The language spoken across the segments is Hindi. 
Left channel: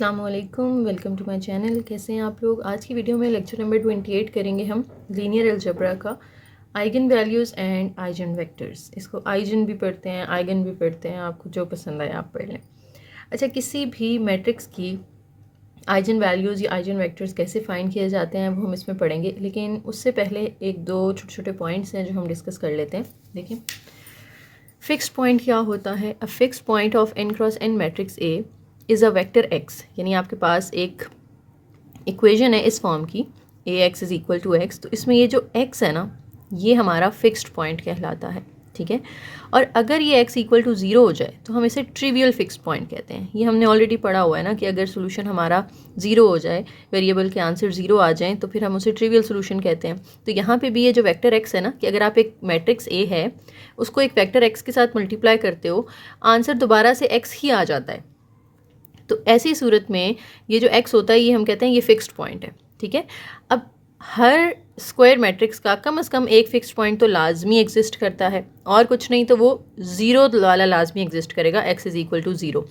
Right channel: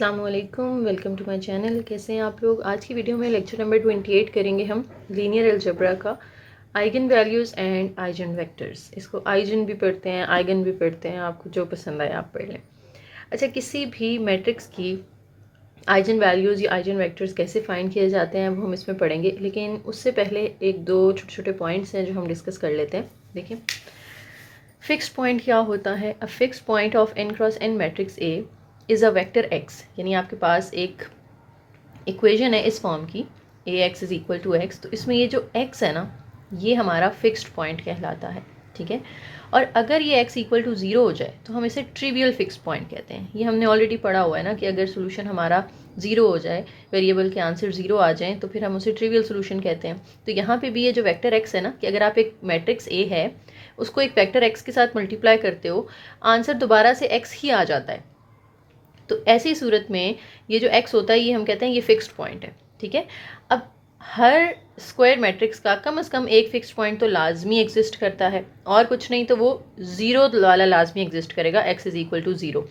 अस्सलाम वालेकुम, वेलकम टू माय चैनल। कैसे हैं आप लोग। आज की वीडियो में लेक्चर नंबर 28 करेंगे हम लीनियर अलजेब्रा का eigen values and eigen vectors. इसको आइगन भी पढ़ते हैं, आइगन भी पढ़ते हैं, आपको जो पसंद आए आप पढ़ लें। अच्छा, किसी भी मैट्रिक्स की आइगन वैल्यूज़ या आइगन वेक्टर्स कैसे फाइंड किए जाते हैं वो हम इसमें पढ़ेंगे, लेकिन उससे पहले एक दो छोटे छोटे पॉइंट्स हैं जो हम डिस्कस कर लेते हैं। देखिए, फिक्स्ड पॉइंट क्या होता है। A fixed point of n cross n matrix A is a vector x, यानी आपके पास एक इक्वेशन है इस फॉर्म की ax is equal to x। तो इसमें ये जो x है ना, ये हमारा फिक्स्ड पॉइंट कहलाता है, ठीक है। और अगर ये x इक्वल टू 0 हो जाए तो हम इसे ट्रिवियल फिक्स्ड पॉइंट कहते हैं। ये हमने ऑलरेडी पढ़ा हुआ है ना कि अगर सोल्यूशन हमारा 0 हो जाए, वेरिएबल के आंसर 0 आ जाएँ तो फिर हम उसे ट्रिवियल सोल्यूशन कहते हैं। तो यहाँ पे भी ये जो वेक्टर x है ना, कि अगर आप एक मैट्रिक्स A है उसको एक वेक्टर x के साथ मल्टीप्लाई करते हो, आंसर दोबारा से x ही आ जाता है। तो ऐसी सूरत में ये जो x होता है ये हम कहते हैं ये फिक्स्ड पॉइंट है, ठीक है। अब हर स्क्वायर मैट्रिक्स का कम से कम एक फिक्स्ड पॉइंट तो लाजमी एग्जिस्ट करता है, और कुछ नहीं तो वो 0 वाला लाजमी एग्जिस्ट करेगा, x इज़ इक्वल टू 0।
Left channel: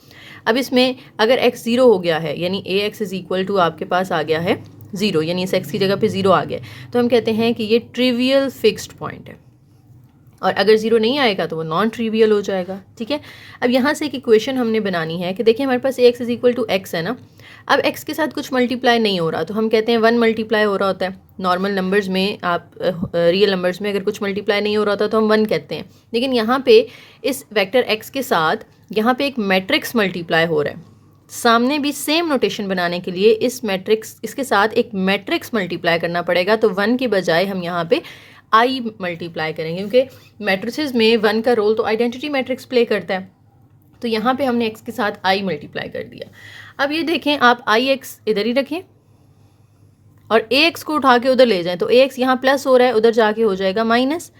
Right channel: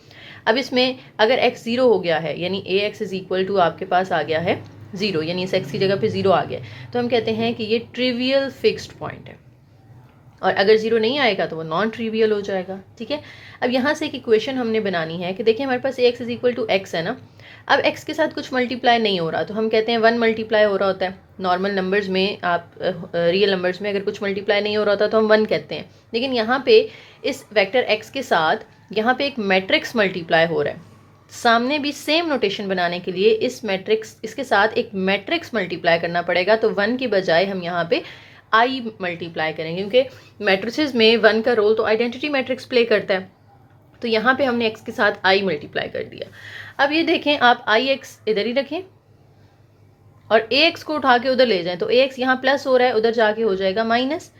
अब इसमें अगर x 0 हो गया है, यानी ax इज़ इक्वल टू आपके पास आ गया है 0, यानी इस x की जगह पे 0 आ गया, तो हम कहते हैं कि ये ट्रिवियल फिक्स्ड पॉइंट है। और अगर 0 नहीं आएगा तो वो नॉन ट्रिवियल हो जाएगा, ठीक है। अब यहाँ से एक इक्वेशन हमने बनानी है कि देखिए हमारे पास ax is equal to x है ना। अब x के साथ कुछ मल्टीप्लाई नहीं हो रहा तो हम कहते हैं 1 मल्टीप्लाई हो रहा होता है। नॉर्मल नंबर्स में, आप रियल नंबर्स में अगर कुछ मल्टीप्लाई नहीं हो रहा होता तो हम 1 कहते हैं। लेकिन यहाँ पे इस वेक्टर x के साथ यहाँ पे एक मैट्रिक्स मल्टीप्लाई हो रहा है। सामने भी सेम नोटेशन बनाने के लिए इस मैट्रिक्स, इसके साथ एक मैट्रिक्स मल्टीप्लाई करना पड़ेगा। तो 1 की बजाय हम यहाँ पे आई मल्टीप्लाई करेंगे, क्योंकि मैट्रिसेस में 1 का रोल तो आइडेंटिटी मैट्रिक्स प्ले करता है। तो यहाँ पे हमने x के साथ आई मल्टीप्लाई कर दिया। अब ये देखें, आप आई एक्स इधर ही रखें और ax को उठा के उधर ले जाएं, तो ax यहाँ प्लस हो रहा है, उधर जाके हो जाएगा माइनस,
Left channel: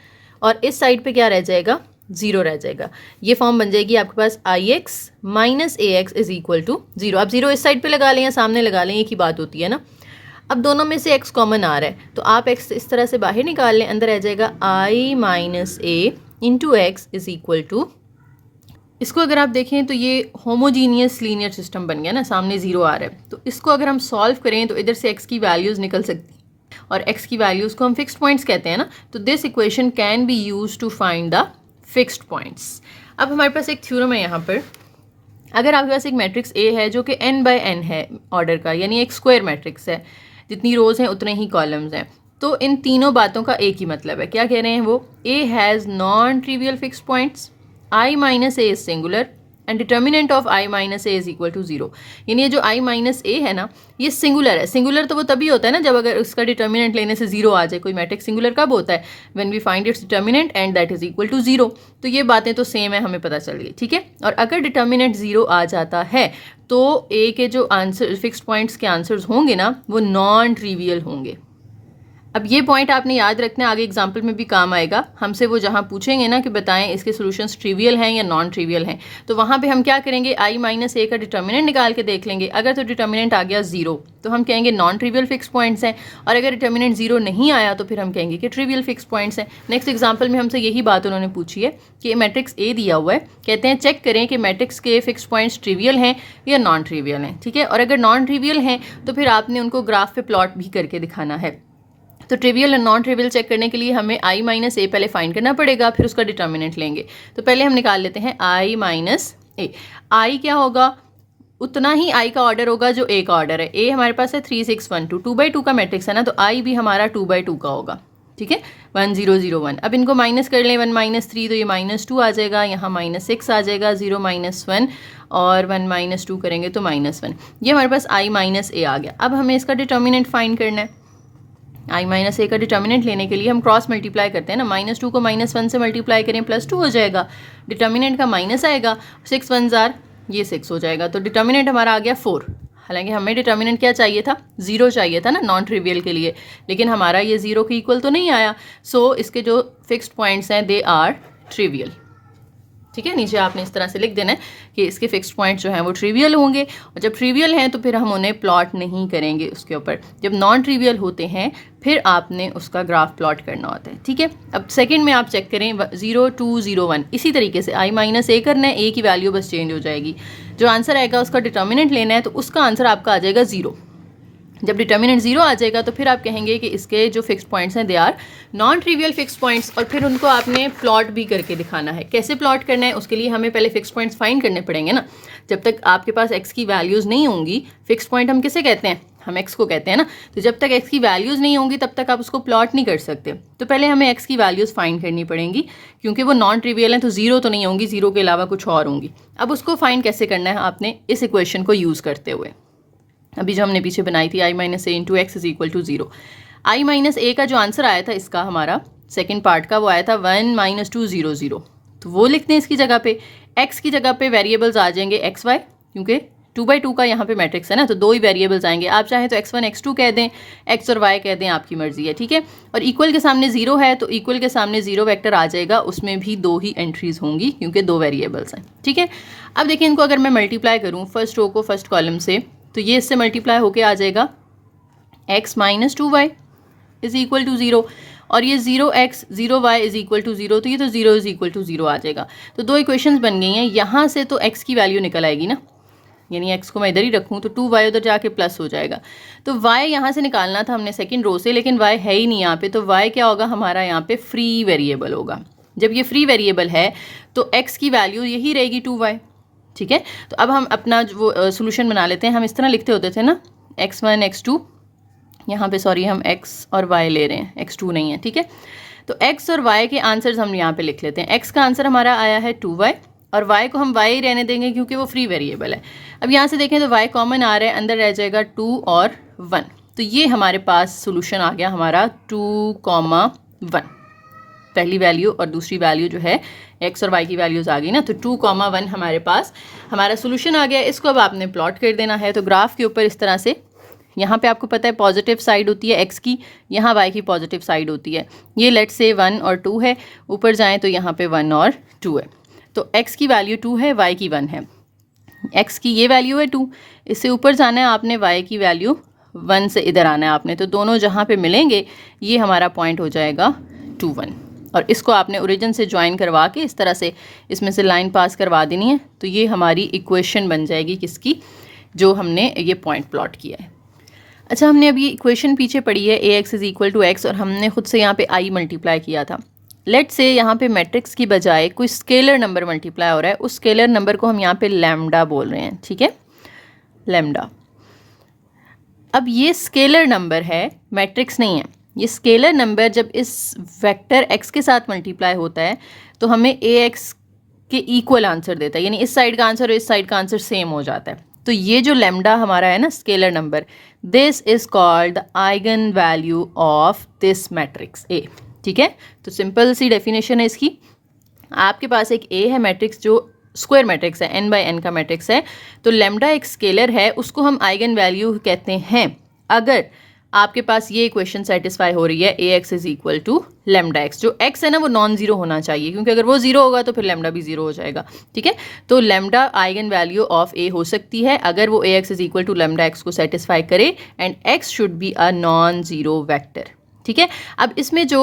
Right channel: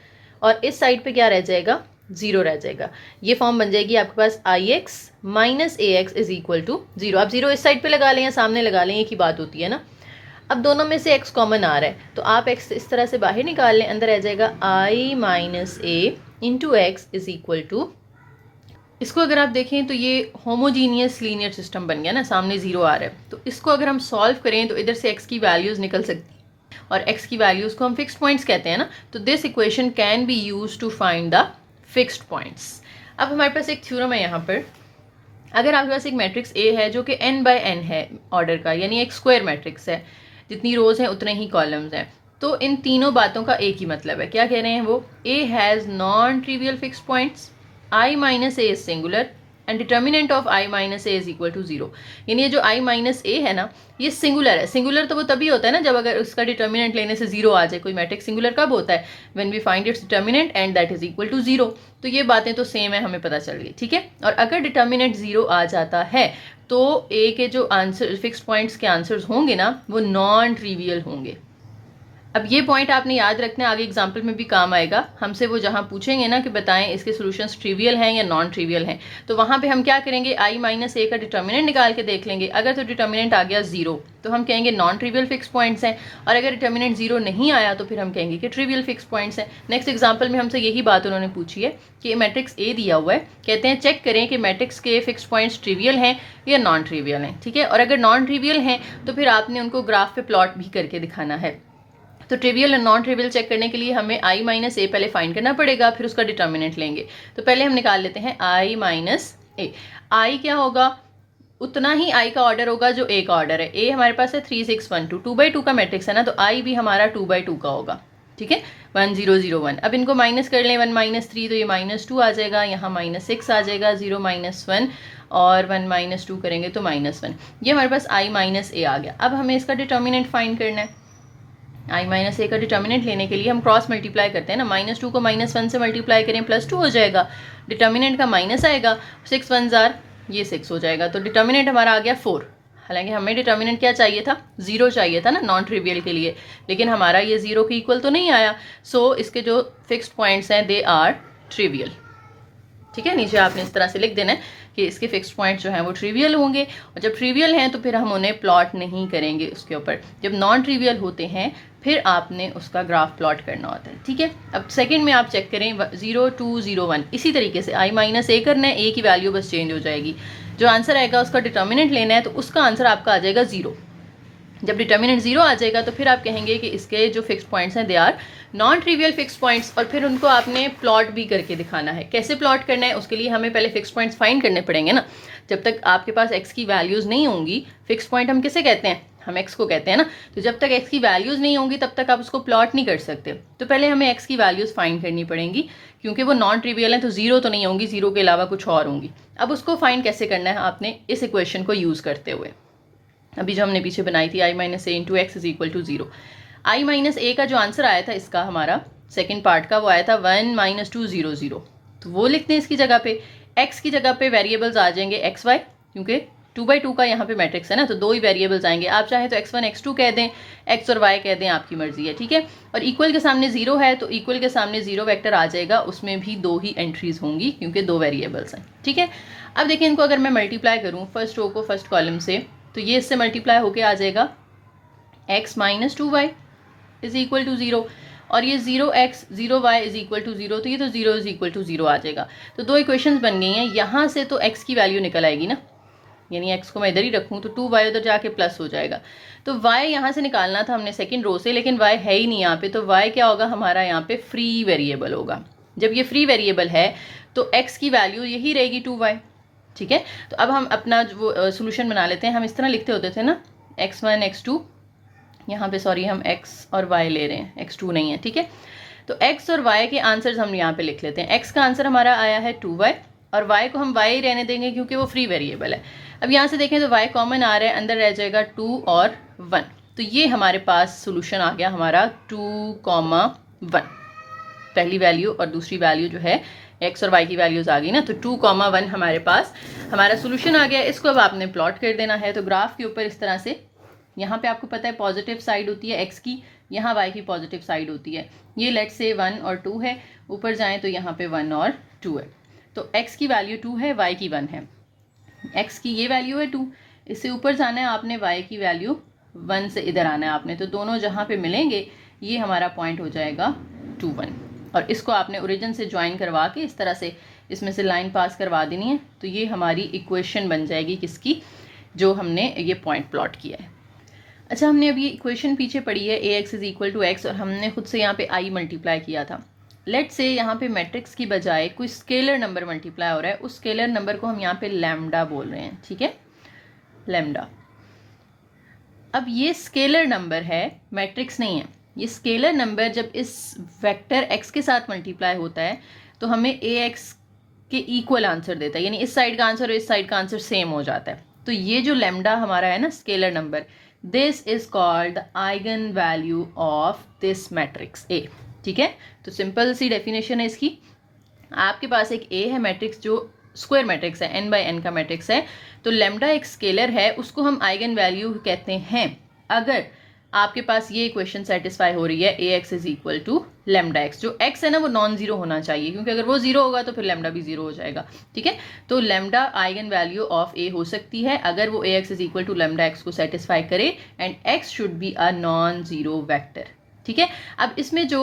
और इस साइड पे क्या रह जाएगा, 0 रह जाएगा। ये फॉर्म बन जाएगी आपके पास I X minus ax is equal to 0। आप 0 इस साइड पे लगा लें या सामने लगा लें, एक ही बात होती है ना। अब दोनों में से x कॉमन आ रहा है तो आप x इस तरह से बाहर निकाल लें, अंदर आ जाएगा i minus a into x is equal to, इसको अगर आप देखें तो ये होमोजीनियस लीनियर सिस्टम बन गया ना, सामने 0 आ रहा है। तो इसको अगर हम सॉल्व करें तो इधर से x की वैल्यूज़ निकल सकती है, और x की वैल्यूज़ को हम फिक्स्ड पॉइंट्स कहते हैं ना। तो this equation can be use to find the fixed points. अब हमारे पास एक थ्योरम है यहाँ पर। अगर आपके पास एक मैट्रिक्स A है जो कि n बाय n है ऑर्डर का, यानी एक स्क्वायर मैट्रिक्स है, जितनी रोज़ हैं उतने ही कॉलम्स हैं, तो इन तीनों बातों का एक ही मतलब है। क्या कह रहे हैं वो, A has non trivial fixed points, I minus A is singular and determinant of I minus A is equal to 0। यानी ये जो I माइनस A है ना, ये सिंगुलर है। सिंगुलर तो वो तभी होता है ना जब अगर उसका डिटर्मिनेंट लेने से 0 आ जाए। कोई मैट्रिक्स सिंगुलर कब होता है, when we find its determinant and that is equal to 0। तो ये बातें तो सेम है, हमें पता चल गई, ठीक है। और अगर डिटर्मिनेंट 0 आ जाता है तो A के जो आंसर फिक्स्ड पॉइंट्स के आंसर्स होंगे ना, वो नॉन ट्रिवियल होंगे। अब ये पॉइंट आपने याद रखना है, आगे एग्जाम्पल में भी काम आएगा। हमसे वो जहाँ पूछेंगे ना कि बताएं इसके सॉल्यूशंस ट्रिवियल हैं या नॉन ट्रिवियल हैं, तो वहाँ पे हम क्या करेंगे, i माइनस a का डिटर्मिनेंट निकाल के देख लेंगे। अगर तो डिटर्मिनेंट आ गया 0 तो हम कहेंगे नॉन ट्रिवियल फिक्स पॉइंट्स हैं, और अगर डिटर्मिनेंट 0 नहीं आया तो फिर हम कहेंगे कि ट्रिवियल फिक्स पॉइंट्स हैं। नेक्स्ट एग्जाम्पल में हमसे यही बात उन्होंने पूछी है कि मैट्रिक्स A दिया हुआ है, कहते हैं चेक करें कि मैट्रिक्स के फिक्स पॉइंट्स ट्रिवियल हैं या नॉन ट्रिवियल हैं, ठीक है। और अगर नॉन ट्रिवियल हैं तो फिर आपने उनको ग्राफ पे प्लॉट भी करके दिखाना है। तो ट्रिवियल और नॉन ट्रिवियल चेक करने के लिए हमें i माइनस a पहले फाइंड करना पड़ेगा, फिर उसका डिटर्मिनेंट लेंगे। तो पहले हम निकाल लेते हैं i माइनस a। i क्या होगा, उतना ही i का ऑर्डर होगा जो a का ऑर्डर है। a हमारे पास है 3 6 1 2, 2/2 का मैट्रिक्स है ना, तो i भी हमारा 2/2 का होगा, ठीक है, 1 0 0 1। अब इनको माइनस कर लें, 1 माइनस 3 तो ये -2 आ जाएगा, यहाँ -6 आ जाएगा, 0 माइनस 1 और 1 माइनस 2 करेंगे तो -1। ये हमारे पास i माइनस a आ गया। अब हमें इसका डिटर्मिनेंट फाइंड करना है। i माइनस a का डिटर्मिनेंट लेने के लिए हम क्रॉस मल्टीप्लाई करते हैं ना, -2 को -1 से मल्टीप्लाई करें, +2 हो जाएगा, डिटर्मिनेंट का माइनस आएगा, 6 1 जार ये 6 हो जाएगा। तो डिटर्मिनेंट हमारा आ गया 4। हालांकि हमें डिटर्मिनेंट क्या चाहिए था, 0 चाहिए था ना नॉन ट्रिवियल के लिए, लेकिन हमारा ये 0 के इक्वल तो नहीं आया। सो इसके जो फिक्स्ड पॉइंट्स हैं दे आर ट्रिवियल, ठीक है। नीचे आपने इस तरह से लिख देना है कि इसके फिक्स्ड पॉइंट्स जो हैं वो ट्रिवियल होंगे, और जब ट्रिवियल हैं तो फिर हम उन्हें प्लॉट नहीं करेंगे उसके ऊपर। जब नॉन ट्रिवियल होते हैं फिर आपने उसका ग्राफ प्लॉट करना होता है, ठीक है। अब सेकंड में आप चेक करें 0 2 0 1, इसी तरीके से i माइनस a करना है, a की वैल्यू बस चेंज हो जाएगी। जो आंसर आएगा उसका डिटर्मिनेंट लेना है, तो उसका आंसर आपका आ जाएगा 0। जब डिटर्मिनेंट 0 आ जाएगा तो फिर आप कहेंगे कि इसके जो फिक्स्ड पॉइंट्स हैं they are non trivial fixed points, और फिर उनको आपने प्लॉट भी करके दिखाना है। कैसे प्लॉट करना है, उसके लिए हमें पहले फिक्स्ड पॉइंट्स फाइंड करने पड़ेंगे ना। जब तक आपके पास x की वैल्यूज़ नहीं होंगी, फिक्स्ड पॉइंट हम किसे कहते हैं, हम x को कहते हैं ना, तो जब तक x की वैल्यूज़ नहीं होंगी तब तक आप उसको प्लॉट नहीं कर सकते। तो पहले हमें x की वैल्यूज़ फाइंड करनी पड़ेंगी, क्योंकि वो नॉन ट्रिवियल हैं तो 0 तो नहीं होंगी, 0 के अलावा कुछ और होंगी। अब उसको फाइंड कैसे करना है आपने, इस इक्वेशन को यूज़ करते हुए, अभी जो हमने पीछे बनाई थी i माइनस A into x is equal to 0। I minus A का जो आंसर आया था इसका, हमारा सेकेंड पार्ट का, वो आया था 1 माइनस 2 0 0, तो वो लिखते हैं इसकी जगह पे। x की जगह पे वेरिएबल्स आ जाएंगे एक्स वाई, क्योंकि 2/2 का यहाँ पे मैट्रिक्स है ना, तो 2 ही वेरिएबल्स आएंगे। आप चाहें तो x1 x2 कह दें, x और y कह दें, आपकी मर्जी है, ठीक है। और इक्वल के सामने 0 है तो इक्वल के सामने 0 वेक्टर आ जाएगा, उसमें भी 2 ही एंट्रीज होंगी क्योंकि 2 वेरिएबल्स हैं, ठीक है। अब देखिए इनको अगर मैं मल्टीप्लाई करूँ फर्स्ट रो को फर्स्ट कॉलम से, तो ये इससे मल्टीप्लाई होके आ जाएगा x minus 2y is equal to 0, और ये 0x 0y is equal to 0, तो ये तो 0 इज इक्वल टू 0 आ जाएगा। तो 2 इक्वेशंस बन गई हैं। यहाँ से तो x की वैल्यू निकल आएगी ना, यानी x को मैं इधर ही रखूँ तो 2y उधर जाके प्लस हो जाएगा। तो y यहाँ से निकालना था हमने सेकेंड रो से, लेकिन y है ही नहीं यहाँ पे, तो y क्या होगा हमारा यहाँ पे फ्री वेरिएबल होगा। जब ये फ्री वेरिएबल है तो x की वैल्यू यही रहेगी 2y, ठीक है। तो अब हम अपना वो सोल्यूशन बना लेते हैं। हम इस तरह लिखते होते थे ना, x1 x2, यहाँ पे सॉरी हम x और y ले रहे हैं, x2 नहीं है, ठीक है। तो x और y के आंसर्स हम यहाँ पे लिख लेते हैं। x का आंसर हमारा आया है 2y, और y को हम y ही रहने देंगे क्योंकि वो फ्री वेरिएबल है। अब यहाँ से देखें तो y कॉमन आ रहा है, अंदर रह जाएगा 2 और 1, तो ये हमारे पास सोल्यूशन आ गया हमारा 2,1। पहली वैल्यू और दूसरी वैल्यू जो है x और y की वैल्यूज़ आ गई ना, तो 2,1 हमारे पास हमारा सोल्यूशन आ गया। इसको अब आपने प्लॉट कर देना है। तो ग्राफ के ऊपर इस तरह से, यहाँ पे आपको पता है पॉजिटिव साइड होती है x की, यहाँ y की पॉजिटिव साइड होती है। ये लेट से 1 और 2 है, ऊपर जाएँ तो यहाँ पे 1 और 2 है। तो x की वैल्यू 2 है, y की 1 है। x की ये वैल्यू है 2, इससे ऊपर जाना है आपने, y की वैल्यू 1 से इधर आना है आपने, तो दोनों जहाँ पे मिलेंगे ये हमारा पॉइंट हो जाएगा 2 1, और इसको आपने ओरिजिन से ज्वाइन करवा के इस तरह से इसमें से लाइन पास करवा देनी है। तो ये हमारी इक्वेशन बन जाएगी किसकी, जो हमने ये पॉइंट प्लॉट किया है। अच्छा, हमने अभी इक्वेशन पीछे पढ़ी है ax is equal to x, और हमने खुद से यहाँ पे i मल्टीप्लाई किया था। लेट से यहाँ पे मैट्रिक्स की बजाय कोई स्केलर नंबर मल्टीप्लाई हो रहा है, उस स्केलर नंबर को हम यहाँ पे लैम्डा बोल रहे हैं, ठीक है, लैम्डा। अब ये स्केलर नंबर है, मैट्रिक्स नहीं है। ये स्केलर नंबर जब इस वेक्टर x के साथ मल्टीप्लाई होता है तो हमें ax के इक्वल आंसर देता है, यानी इस साइड का आंसर और इस साइड का आंसर सेम हो जाता है। तो ये जो लैम्डा हमारा है ना scalar number, this is called the eigen value of this matrix A, ठीक है। तो सिंपल सी डेफिनेशन है इसकी। आपके पास एक A है मैट्रिक्स जो स्क्वायर मैट्रिक्स है, n बाय n का मैट्रिक्स है, तो लैम्डा एक स्केलर है, उसको हम आइगन वैल्यू कहते हैं अगर आपके पास ये इक्वेशन सेटिस्फाई हो रही है ax is equal to lambda x. जो x है ना वो नॉन जीरो होना चाहिए, क्योंकि अगर वो जीरो होगा तो फिर लैम्डा भी जीरो हो जाएगा, ठीक है। तो lambda eigen value of a हो सकती है अगर वो ax is equal to lambda x को सेटिस्फाई करे, and x should be a non zero vector, ठीक है। अब इसमें जो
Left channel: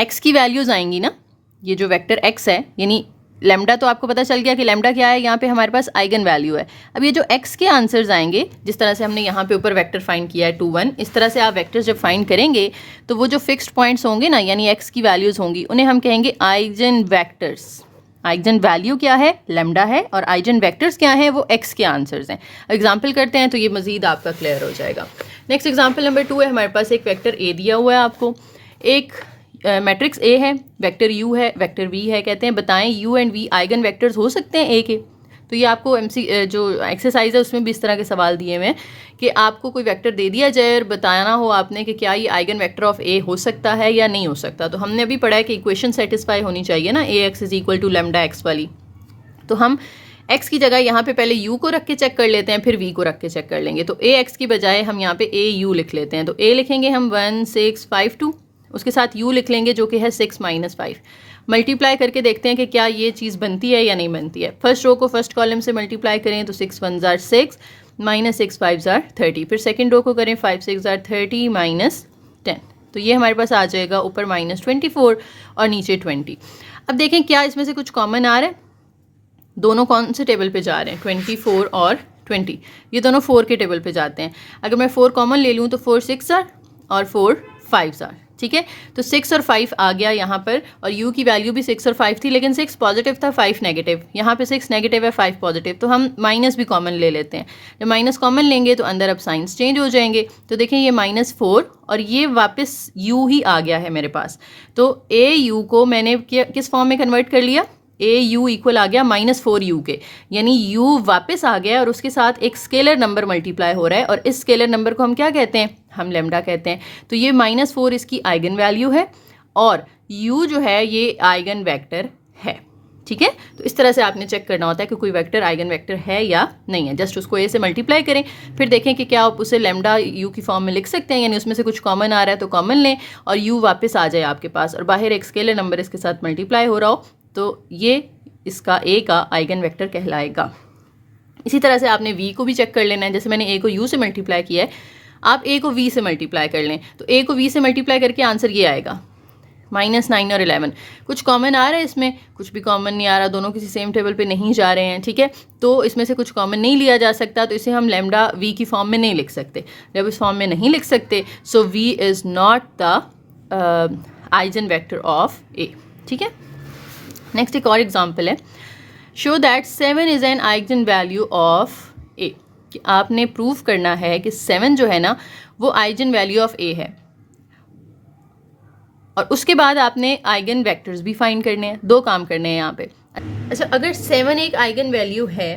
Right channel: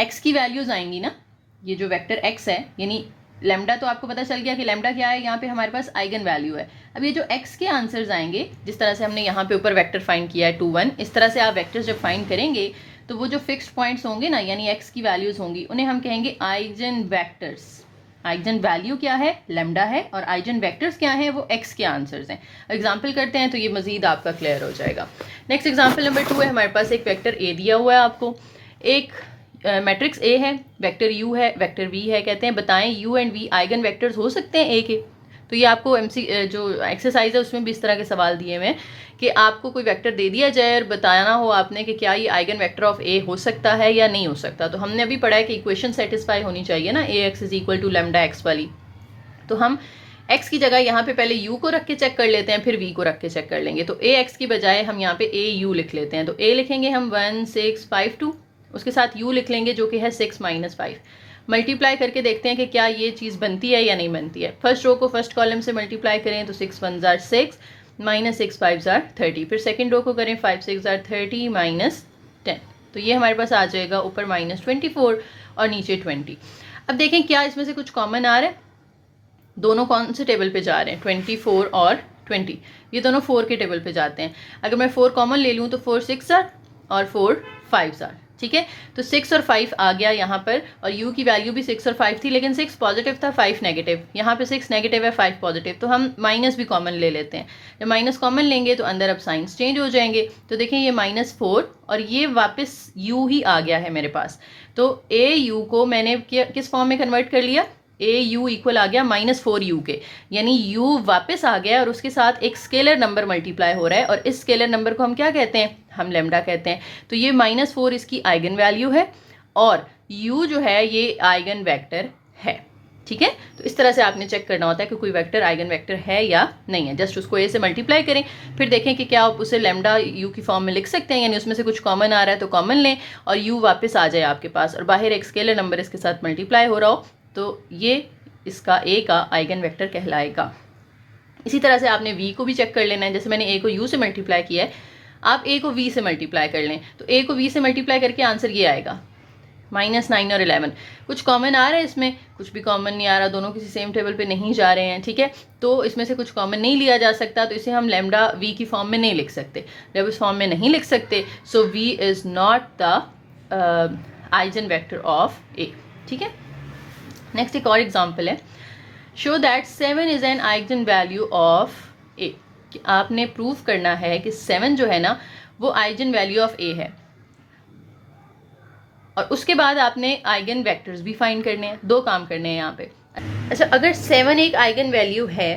x की वैल्यूज आएंगी ना, ये जो वेक्टर x है, यानी लैम्डा, तो आपको पता चल गया कि लैम्डा क्या है, यहाँ पे हमारे पास आइगन वैल्यू है। अब ये जो x के आंसर्स आएंगे, जिस तरह से हमने यहाँ पे ऊपर वेक्टर फाइंड किया है 2 1, इस तरह से आप वेक्टर्स जब फाइंड करेंगे तो वो जो फिक्स्ड पॉइंट्स होंगे ना, यानी x की वैल्यूज होंगी, उन्हें हम कहेंगे आइगन वेक्टर्स। आइगन वैल्यू क्या है, लैम्डा है, और आइगन वेक्टर्स क्या है, वो x के आंसर्स हैं। एग्जाम्पल करते हैं तो ये मजीद आपका क्लियर हो जाएगा। नेक्स्ट एग्जाम्पल नंबर 2 है, हमारे पास एक वेक्टर a दिया हुआ है आपको, एक मैट्रिक्स A है, वेक्टर U है, वेक्टर V है। कहते हैं बताएं U and V eigen vectors हो सकते हैं A के। तो ये आपको जो एक्सरसाइज है उसमें भी इस तरह के सवाल दिए हुए हैं कि आपको कोई वेक्टर दे दिया जाए और बताना हो आपने कि क्या ये आइगन वेक्टर ऑफ A हो सकता है या नहीं हो सकता। तो हमने अभी पढ़ा है कि इक्वेशन सेटिस्फाई होनी चाहिए ना, ax is equal to lambda x वाली। तो हम x की जगह यहाँ पे पहले u को रख के चेक कर लेते हैं, फिर v को रख के चेक कर लेंगे। तो ax की बजाय हम यहाँ पे au लिख लेते हैं। तो a लिखेंगे हम 1 6 5 2, उसके साथ u लिख लेंगे जो कि है 6 - 5। मल्टीप्लाई करके देखते हैं कि क्या ये चीज़ बनती है या नहीं बनती है। फर्स्ट रो को फर्स्ट कॉलम से मल्टीप्लाई करें तो 6 1 जार 6 -6 5 जार 30। फिर सेकंड रो को करें 5 6 जार 30 -10, तो ये हमारे पास आ जाएगा ऊपर -24 और नीचे 20। अब देखें क्या इसमें से कुछ कॉमन आ रहा है। दोनों कौन से टेबल पे जा रहे हैं, 24 और 20, ये दोनों 4 के टेबल पे जाते हैं। अगर मैं 4 कॉमन ले लूँ तो 4 6 आर और 4 5 आर, ठीक है। तो 6 और 5 आ गया यहाँ पर, और u की वैल्यू भी 6 और 5 थी, लेकिन 6 पॉजिटिव था 5 नेगेटिव। यहाँ पे 6 नेगेटिव है 5 पॉजिटिव, तो हम माइनस भी कॉमन ले लेते हैं। जब माइनस कॉमन लेंगे तो अंदर अब साइंस चेंज हो जाएंगे। तो देखें ये -4 और ये वापस u ही आ गया है मेरे पास। तो a u को मैंने किस फॉर्म में कन्वर्ट कर लिया, ए यू इक्वल आ गया -4u के, यानी u वापस आ गया और उसके साथ एक स्केलर नंबर मल्टीप्लाई हो रहा है, और इस स्केलर नंबर को हम क्या कहते हैं, हम लेमडा कहते हैं। तो ये -4 इसकी आइगन वैल्यू है और u जो है ये आइगन वेक्टर है, ठीक है। तो इस तरह से आपने चेक करना होता है कि कोई वेक्टर आइगन वेक्टर है या नहीं है। जस्ट उसको a से मल्टीप्लाई करें, फिर देखें कि क्या आप उसे लेमडा u की फॉर्म में लिख सकते हैं, यानी उसमें से कुछ कॉमन आ रहा है तो कॉमन लें और u वापस आ जाए आपके पास, और बाहर एक स्केलर नंबर इसके साथ मल्टीप्लाई हो रहा हो, तो ये इसका a का आइगन वेक्टर कहलाएगा। इसी तरह से आपने v को भी चेक कर लेना है। जैसे मैंने a को u से मल्टीप्लाई किया है, आप a को v से मल्टीप्लाई कर लें, तो a को v से मल्टीप्लाई करके आंसर ये आएगा -9 और 11। कुछ कॉमन आ रहा है इसमें, कुछ भी कॉमन नहीं आ रहा, दोनों किसी सेम टेबल पे नहीं जा रहे हैं, ठीक है। तो इसमें से कुछ कॉमन नहीं लिया जा सकता, तो इसे हम लेमडा v की फॉर्म में नहीं लिख सकते। जब इस फॉर्म में नहीं लिख सकते, सो v is not the eigen vector of a, ठीक है। नेक्स्ट एक और एग्जाम्पल है, show that 7 is an eigen value of a, कि आपने प्रूव करना है कि 7 जो है ना वो आइगन वैल्यू ऑफ a है, और उसके बाद आपने आइगन वेक्टर्स भी फाइंड करने हैं। दो काम करने हैं यहाँ पे। अच्छा, अगर 7 एक आइगन वैल्यू है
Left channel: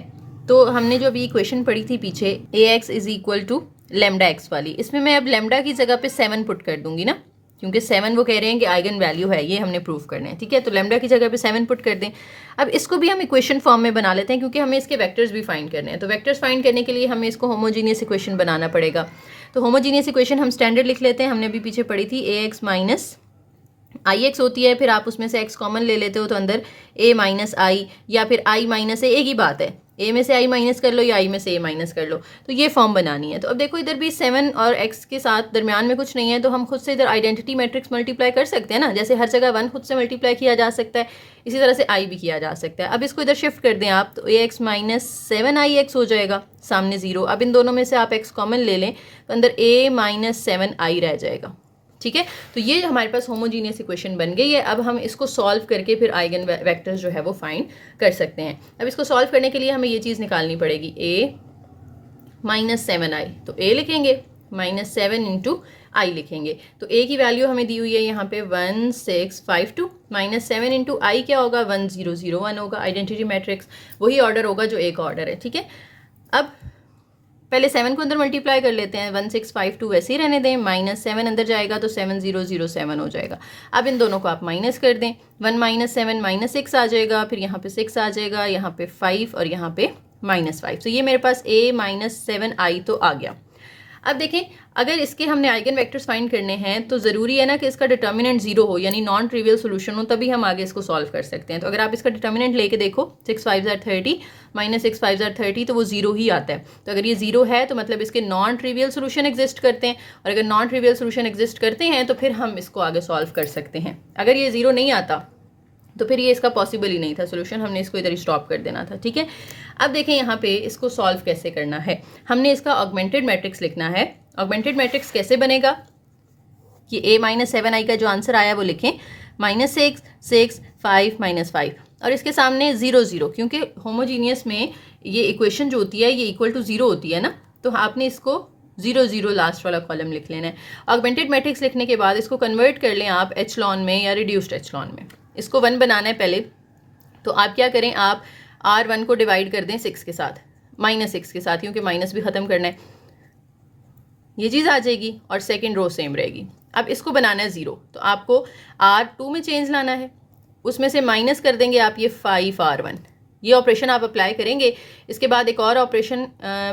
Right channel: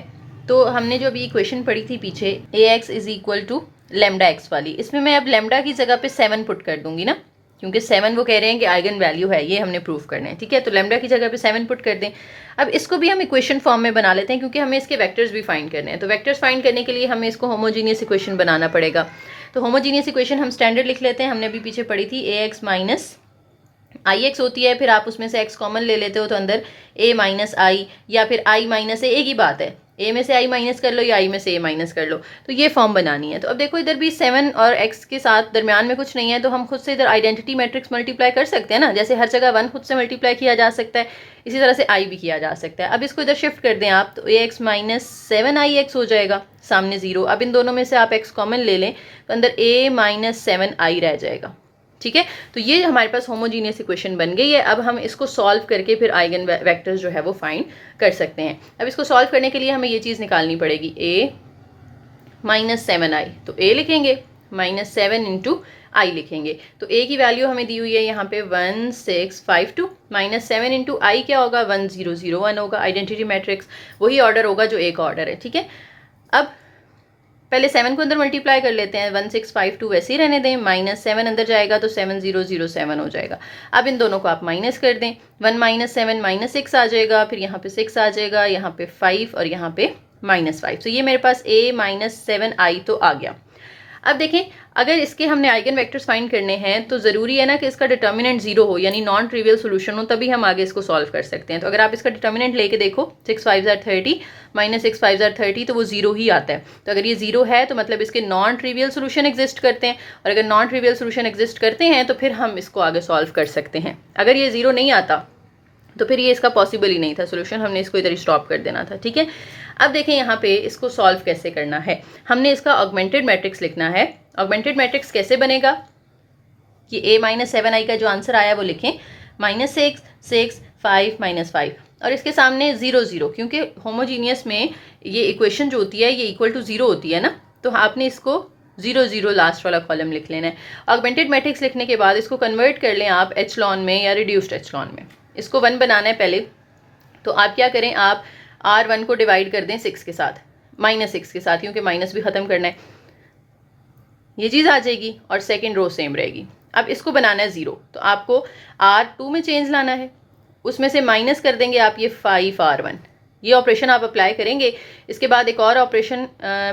तो हमने जो अभी इक्वेशन पढ़ी थी पीछे ax is equal to lambda x वाली, इसमें मैं अब लेमडा की जगह पे 7 पुट कर दूंगी ना, क्योंकि 7 वो कह रहे हैं कि आइगन वैल्यू है, ये हमने प्रूव करना है, ठीक है। तो लेमडा की जगह पे 7 पुट कर दें। अब इसको भी हम इक्वेशन फॉर्म में बना लेते हैं, क्योंकि हमें इसके वेक्टर्स भी फाइंड करने हैं। तो वेक्टर्स फाइंड करने के लिए हमें इसको होमोजीनियस इक्वेशन बनाना पड़ेगा। तो होमोजीनियस इक्वेशन हम स्टैंडर्ड लिख लेते हैं, हमने भी पीछे पढ़ी थी, ax माइनस आई एक्स होती है, फिर आप उसमें से x कॉमन ले लेते हो तो अंदर a माइनस आई, या फिर i माइनस ए, एक ही बात है, a में से i माइनस कर लो या i में से a माइनस कर लो। तो ये फॉर्म बनानी है। तो अब देखो इधर भी 7 और x के साथ दरमियान में कुछ नहीं है, तो हम खुद से इधर आइडेंटिटी मैट्रिक्स मल्टीप्लाई कर सकते हैं ना। जैसे हर जगह 1 खुद से मल्टीप्लाई किया जा सकता है, इसी तरह से i भी किया जा सकता है। अब इसको इधर शिफ्ट कर दें आप, तो ax माइनस 7ix हो जाएगा, सामने 0। अब इन दोनों में से आप x कॉमन ले लें तो अंदर a माइनस 7i रह जाएगा, ठीक है। तो ये हमारे पास होमोजीनियस इक्वेशन बन गई है। अब हम इसको सॉल्व करके फिर आइगन वेक्टर्स जो है वो फाइंड कर सकते हैं। अब इसको सॉल्व करने के लिए हमें ये चीज़ निकालनी पड़ेगी, a माइनस 7i, तो a लिखेंगे, -7 इंटू आई लिखेंगे। तो a की वैल्यू हमें दी हुई है यहाँ पे 1652, -7 इंटू आई क्या होगा, 1001 होगा। आइडेंटिटी मैट्रिक्स वही ऑर्डर होगा जो a का ऑर्डर है, ठीक है। अब पहले 7 को अंदर मल्टीप्लाई कर लेते हैं, 1652 वैसे ही रहने दें, -7 अंदर जाएगा तो 7007 हो जाएगा। अब इन दोनों को आप माइनस कर दें, 1 माइनस 7 -6 आ जाएगा, फिर यहाँ पे 6 आ जाएगा, यहाँ पे 5 और यहाँ पे -5। तो ये मेरे पास a माइनस 7i तो आ गया। अब देखें, अगर इसके हमने आइगन वेक्टर्स फाइंड करने हैं तो ज़रूरी है ना कि इसका डिटर्मिनेंट 0 हो, यानी नॉन ट्रिवियल सोल्यूशन हो, तभी हम आगे इसको सॉल्व कर सकते हैं। तो अगर आप इसका डिटर्मिनेंट लेके देखो, 6 5 are 30 -6 5 are 30, तो वो 0 ही आता है। तो अगर ये 0 है तो मतलब इसके नॉन ट्रिवियल सोल्यूशन एग्जिस्ट करते हैं, और अगर नॉन ट्रिवियल सोल्यूशन एग्जिस्ट करते हैं तो फिर हम इसको आगे सॉल्व कर सकते हैं। अगर ये 0 नहीं आता तो फिर ये इसका पॉसिबल ही नहीं था सोल्यूशन, हमने इसको इधर ही स्टॉप कर देना था, ठीक है। अब देखें यहाँ पे इसको सॉल्व कैसे करना है। हमने इसका ऑगमेंटेड मैट्रिक्स लिखना है। ऑगमेंटेड मैट्रिक्स कैसे बनेगा कि a माइनस 7i का जो आंसर आया वो लिखें, -6 6 5 -5, और इसके सामने 0 0, क्योंकि होमोजीनियस में ये इक्वेशन जो होती है ये इक्वल टू 0 होती है ना, तो आपने इसको 0 0 लास्ट वाला कॉलम लिख लेना है। ऑगमेंटेड मैट्रिक्स लिखने के बाद इसको कन्वर्ट कर लें आप एचलॉन में या रिड्यूस्ड एचलॉन में। इसको 1 बनाना है पहले, तो आप क्या करें, आप R1 को डिवाइड कर दें 6 के साथ, -6 के साथ, क्योंकि माइनस भी ख़त्म करना है, ये चीज़ आ जाएगी और सेकंड रो सेम रहेगी। अब इसको बनाना है 0, तो आपको R2 में चेंज लाना है, उसमें से माइनस कर देंगे आप ये 5R1। ये ऑपरेशन आप अप्लाई करेंगे। इसके बाद एक और ऑपरेशन,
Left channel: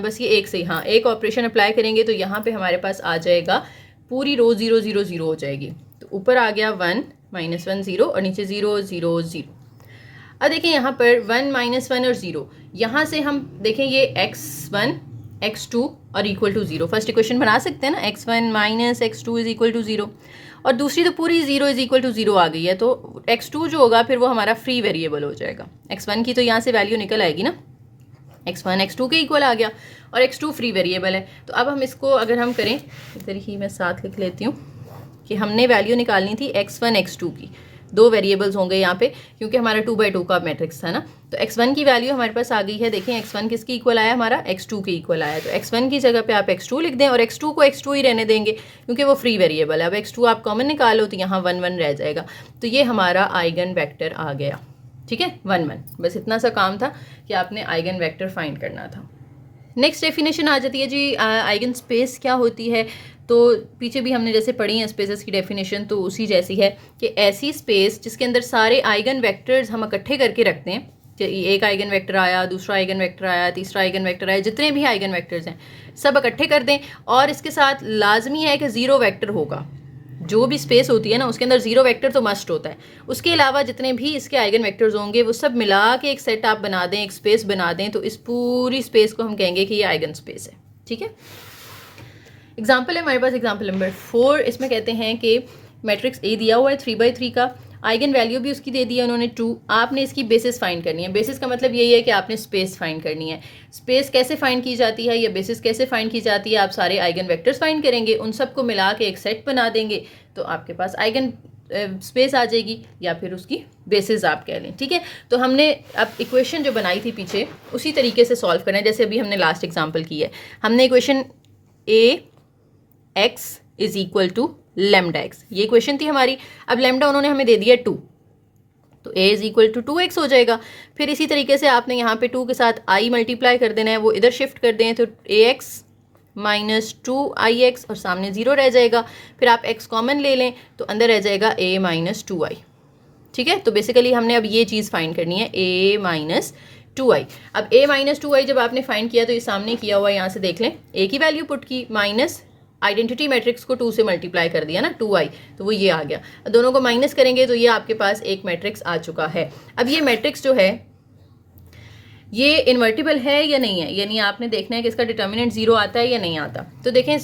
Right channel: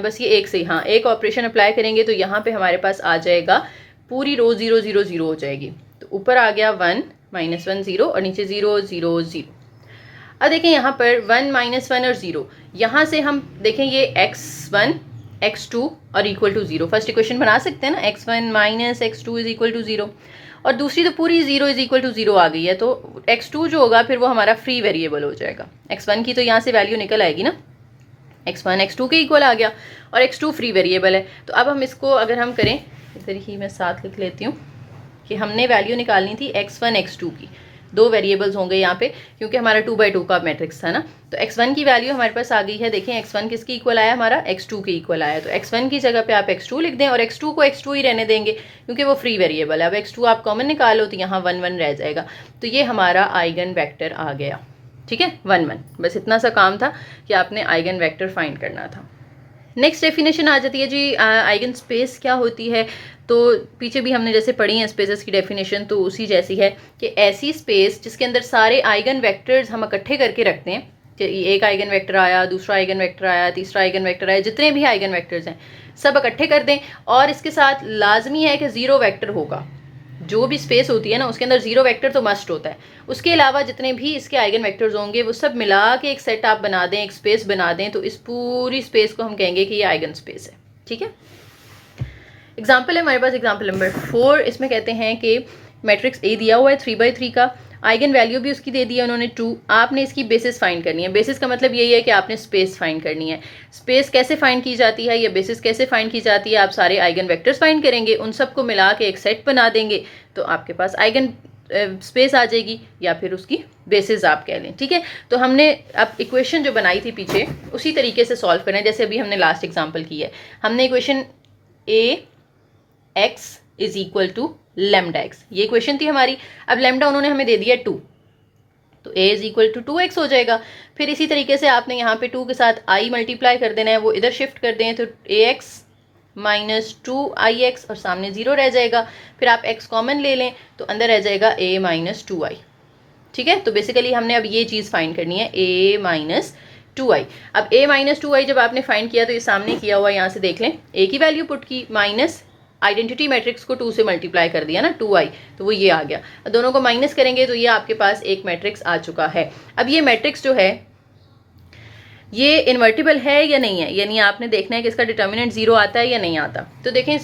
बस ये एक से, हाँ एक ऑपरेशन अप्लाई करेंगे तो यहाँ पे हमारे पास आ जाएगा पूरी रो 0 0 0 हो जाएगी। तो ऊपर आ गया 1 -1 0 और नीचे 0 0 0। अब देखें यहाँ पर 1 -1 और 0, यहाँ से हम देखें ये x1 x2 और इक्वल टू 0 फर्स्ट इक्वेशन बना सकते हैं ना, x1 - x2 is equal to 0। और दूसरी तो पूरी 0 इज इक्वल टू 0 आ गई है, तो x2 जो होगा फिर वो हमारा फ्री वेरिएबल हो जाएगा। x1 की तो यहाँ से वैल्यू निकल आएगी ना, x1 x2 के इक्वल आ गया और x2 फ्री वेरिएबल है। तो अब हम इसको अगर हम करें, इधर ही मैं साथ लिख लेती हूँ कि हमने वैल्यू निकालनी थी x1 x2 की, दो वेरिएबल्स होंगे यहाँ पे क्योंकि हमारा 2x2 का मैट्रिक्स था ना। तो x1 की वैल्यू हमारे पास आ गई है, देखें x1 किसके इक्वल आया, हमारा x2 के इक्वल आया। तो x1 की जगह पे आप x2 लिख दें और x2 को x2 ही रहने देंगे क्योंकि वो फ्री वेरिएबल है। अब x2 आप कॉमन निकालो तो यहाँ 1 1 रह जाएगा, तो ये हमारा आइगन वेक्टर आ गया। ठीक है, 1 1, बस इतना सा काम था कि आपने आइगन वेक्टर फाइंड करना था। नेक्स्ट डेफिनेशन आ जाती है जी आइगन स्पेस क्या होती है। तो पीछे भी हमने जैसे पढ़ी है स्पेसेस की डेफिनेशन, तो उसी जैसी है कि ऐसी स्पेस जिसके अंदर सारे आइगन वेक्टर्स हम इकट्ठे करके रखते हैं कि एक आइगन वेक्टर आया, दूसरा आइगन वेक्टर आया, तीसरा आइगन वेक्टर आया, जितने भी आइगन वेक्टर्स हैं सब इकट्ठे कर दें और इसके साथ लाजमी है कि 0 वेक्टर होगा। जो भी स्पेस होती है ना उसके अंदर 0 वेक्टर तो मस्ट होता है। उसके अलावा जितने भी इसके आइगन वेक्टर्स होंगे वो सब मिला के एक सेट आप बना दें, एक स्पेस बना दें, तो इस पूरी स्पेस को हम कहेंगे कि ये आइगन स्पेस है। ठीक है, एग्जाम्पल है हमारे पास एग्जाम्पल नंबर 4। इसमें कहते हैं कि मैट्रिक्स ए दिया हुआ है 3/3 का, आइगन वैल्यू भी उसकी दे दी है उन्होंने 2। आपने इसकी बेसिस फाइंड करनी है। बेसिस का मतलब यही है कि आपने स्पेस फाइंड करनी है। स्पेस कैसे फाइंड की जाती है या बेसिस कैसे फाइंड की जाती है, आप सारे आइगन वेक्टर्स फाइंड करेंगे, उन सबको मिला के एक सेट बना देंगे तो आपके पास आइगन स्पेस आ जाएगी या फिर उसकी बेसिस आप कह लें। ठीक है, तो हमने अब इक्वेशन जो बनाई थी पीछे उसी तरीके से सॉल्व करना है जैसे अभी हमने लास्ट एग्जाम्पल की है। हमने equation A x is equal to lambda x, ये इक्वेशन थी हमारी। अब लेमडा उन्होंने हमें दे दिया 2, तो a is equal to 2x हो जाएगा। फिर इसी तरीके से आपने यहाँ पे 2 के साथ i मल्टीप्लाई कर देना है, वो इधर शिफ्ट कर दें तो ax माइनस 2ix और सामने 0 रह जाएगा। फिर आप x कॉमन ले लें तो अंदर रह जाएगा a माइनस 2i। ठीक है, तो बेसिकली हमने अब ये चीज़ फाइंड करनी है a माइनस 2i। अब a माइनस 2i जब आपने फाइंड किया तो ये सामने किया हुआ यहाँ से देख लें, a की वैल्यू पुट की माइनस आइडेंटिटी मैट्रिक्स को 2 से मल्टीप्लाई कर दिया ना 2i, तो वो ये आ गया। दोनों को माइनस करेंगे तो ये आपके पास एक मैट्रिक्स आ चुका है। अब ये मैट्रिक्स जो है ये इन्वर्टिबल है या नहीं है, यानी आपने देखना है कि इसका डिटर्मिनेंट 0 आता है या नहीं आता। तो देखें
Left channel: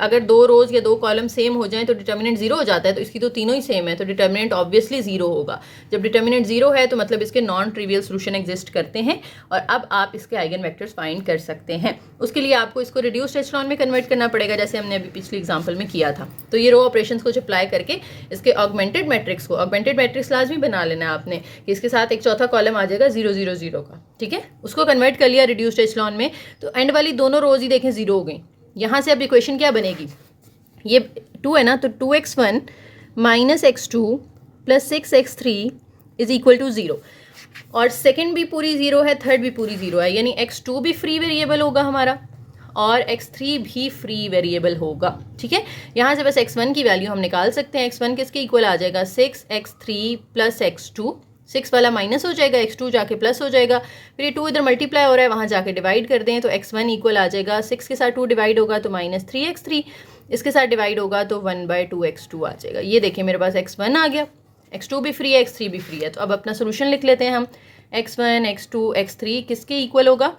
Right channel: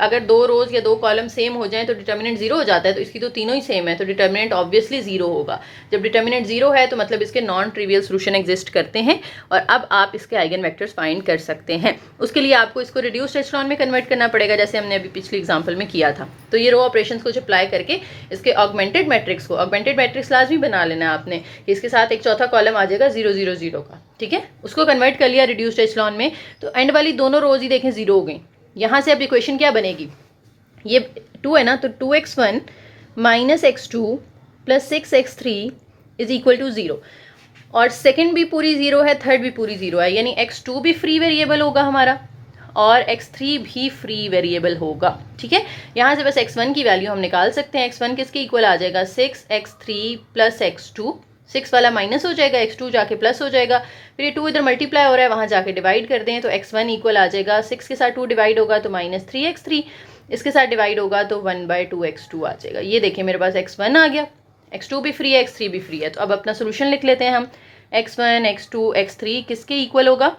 अगर 2 रोज या 2 कॉलम सेम हो जाएं तो डिटर्मिनेंट 0 हो जाता है, तो इसकी तो तीनों ही सेम है तो डिटर्मिनेंट ऑब्वियसली 0 होगा। जब डिटर्मिनेंट 0 है तो मतलब इसके नॉन ट्रिवियल सोल्यूशन एग्जिस्ट करते हैं और अब आप इसके आइगन वेक्टर्स फाइंड कर सकते हैं। उसके लिए आपको इसको रिड्यूस्ड एचेलॉन में कन्वर्ट करना पड़ेगा जैसे हमने अभी पिछले एग्जाम्पल में किया था। तो ये रो ऑपरेशंस को अप्लाई करके इसके ऑगमेंटेड मैट्रिक्स को, ऑगमेंटेड मैट्रिक्स लाजमी बना लेना है आपने, इसके साथ एक चौथा कॉलम आ जाएगा 0 0 0 का। ठीक है, उसको कन्वर्ट कर लिया रिड्यूस्ड एचेलॉन में, तो एंड वाली दोनों रोज ही देखें 0 हो गई। यहाँ से अब इक्वेशन क्या बनेगी, ये 2 है ना, तो 2x1 minus x2 plus 6x3 is equal to 0। और सेकंड भी पूरी 0 है, थर्ड भी पूरी 0 है, यानी x2 भी फ्री वेरिएबल होगा हमारा और x3 भी फ्री वेरिएबल होगा। ठीक है, यहाँ से बस x1 की वैल्यू हम निकाल सकते हैं। x1 किसके इक्वल आ जाएगा, 6x3 प्लस x2, 6 वाला माइनस हो जाएगा, x2 जाके प्लस हो जाएगा, फिर ये 2 इधर मल्टीप्लाई हो रहा है वहाँ जाके डिवाइड कर दें तो x1 इक्वल आ जाएगा, 6 के साथ 2 डिवाइड होगा तो माइनस 3x3, इसके साथ डिवाइड होगा तो 1/2x2 आ जाएगा। ये देखिए मेरे पास x1 आ गया, x2 भी फ्री है, x3 भी फ्री है। तो अब अपना सोल्यूशन लिख लेते हैं हम, x1 x2 x3 किसके इक्वल होगा,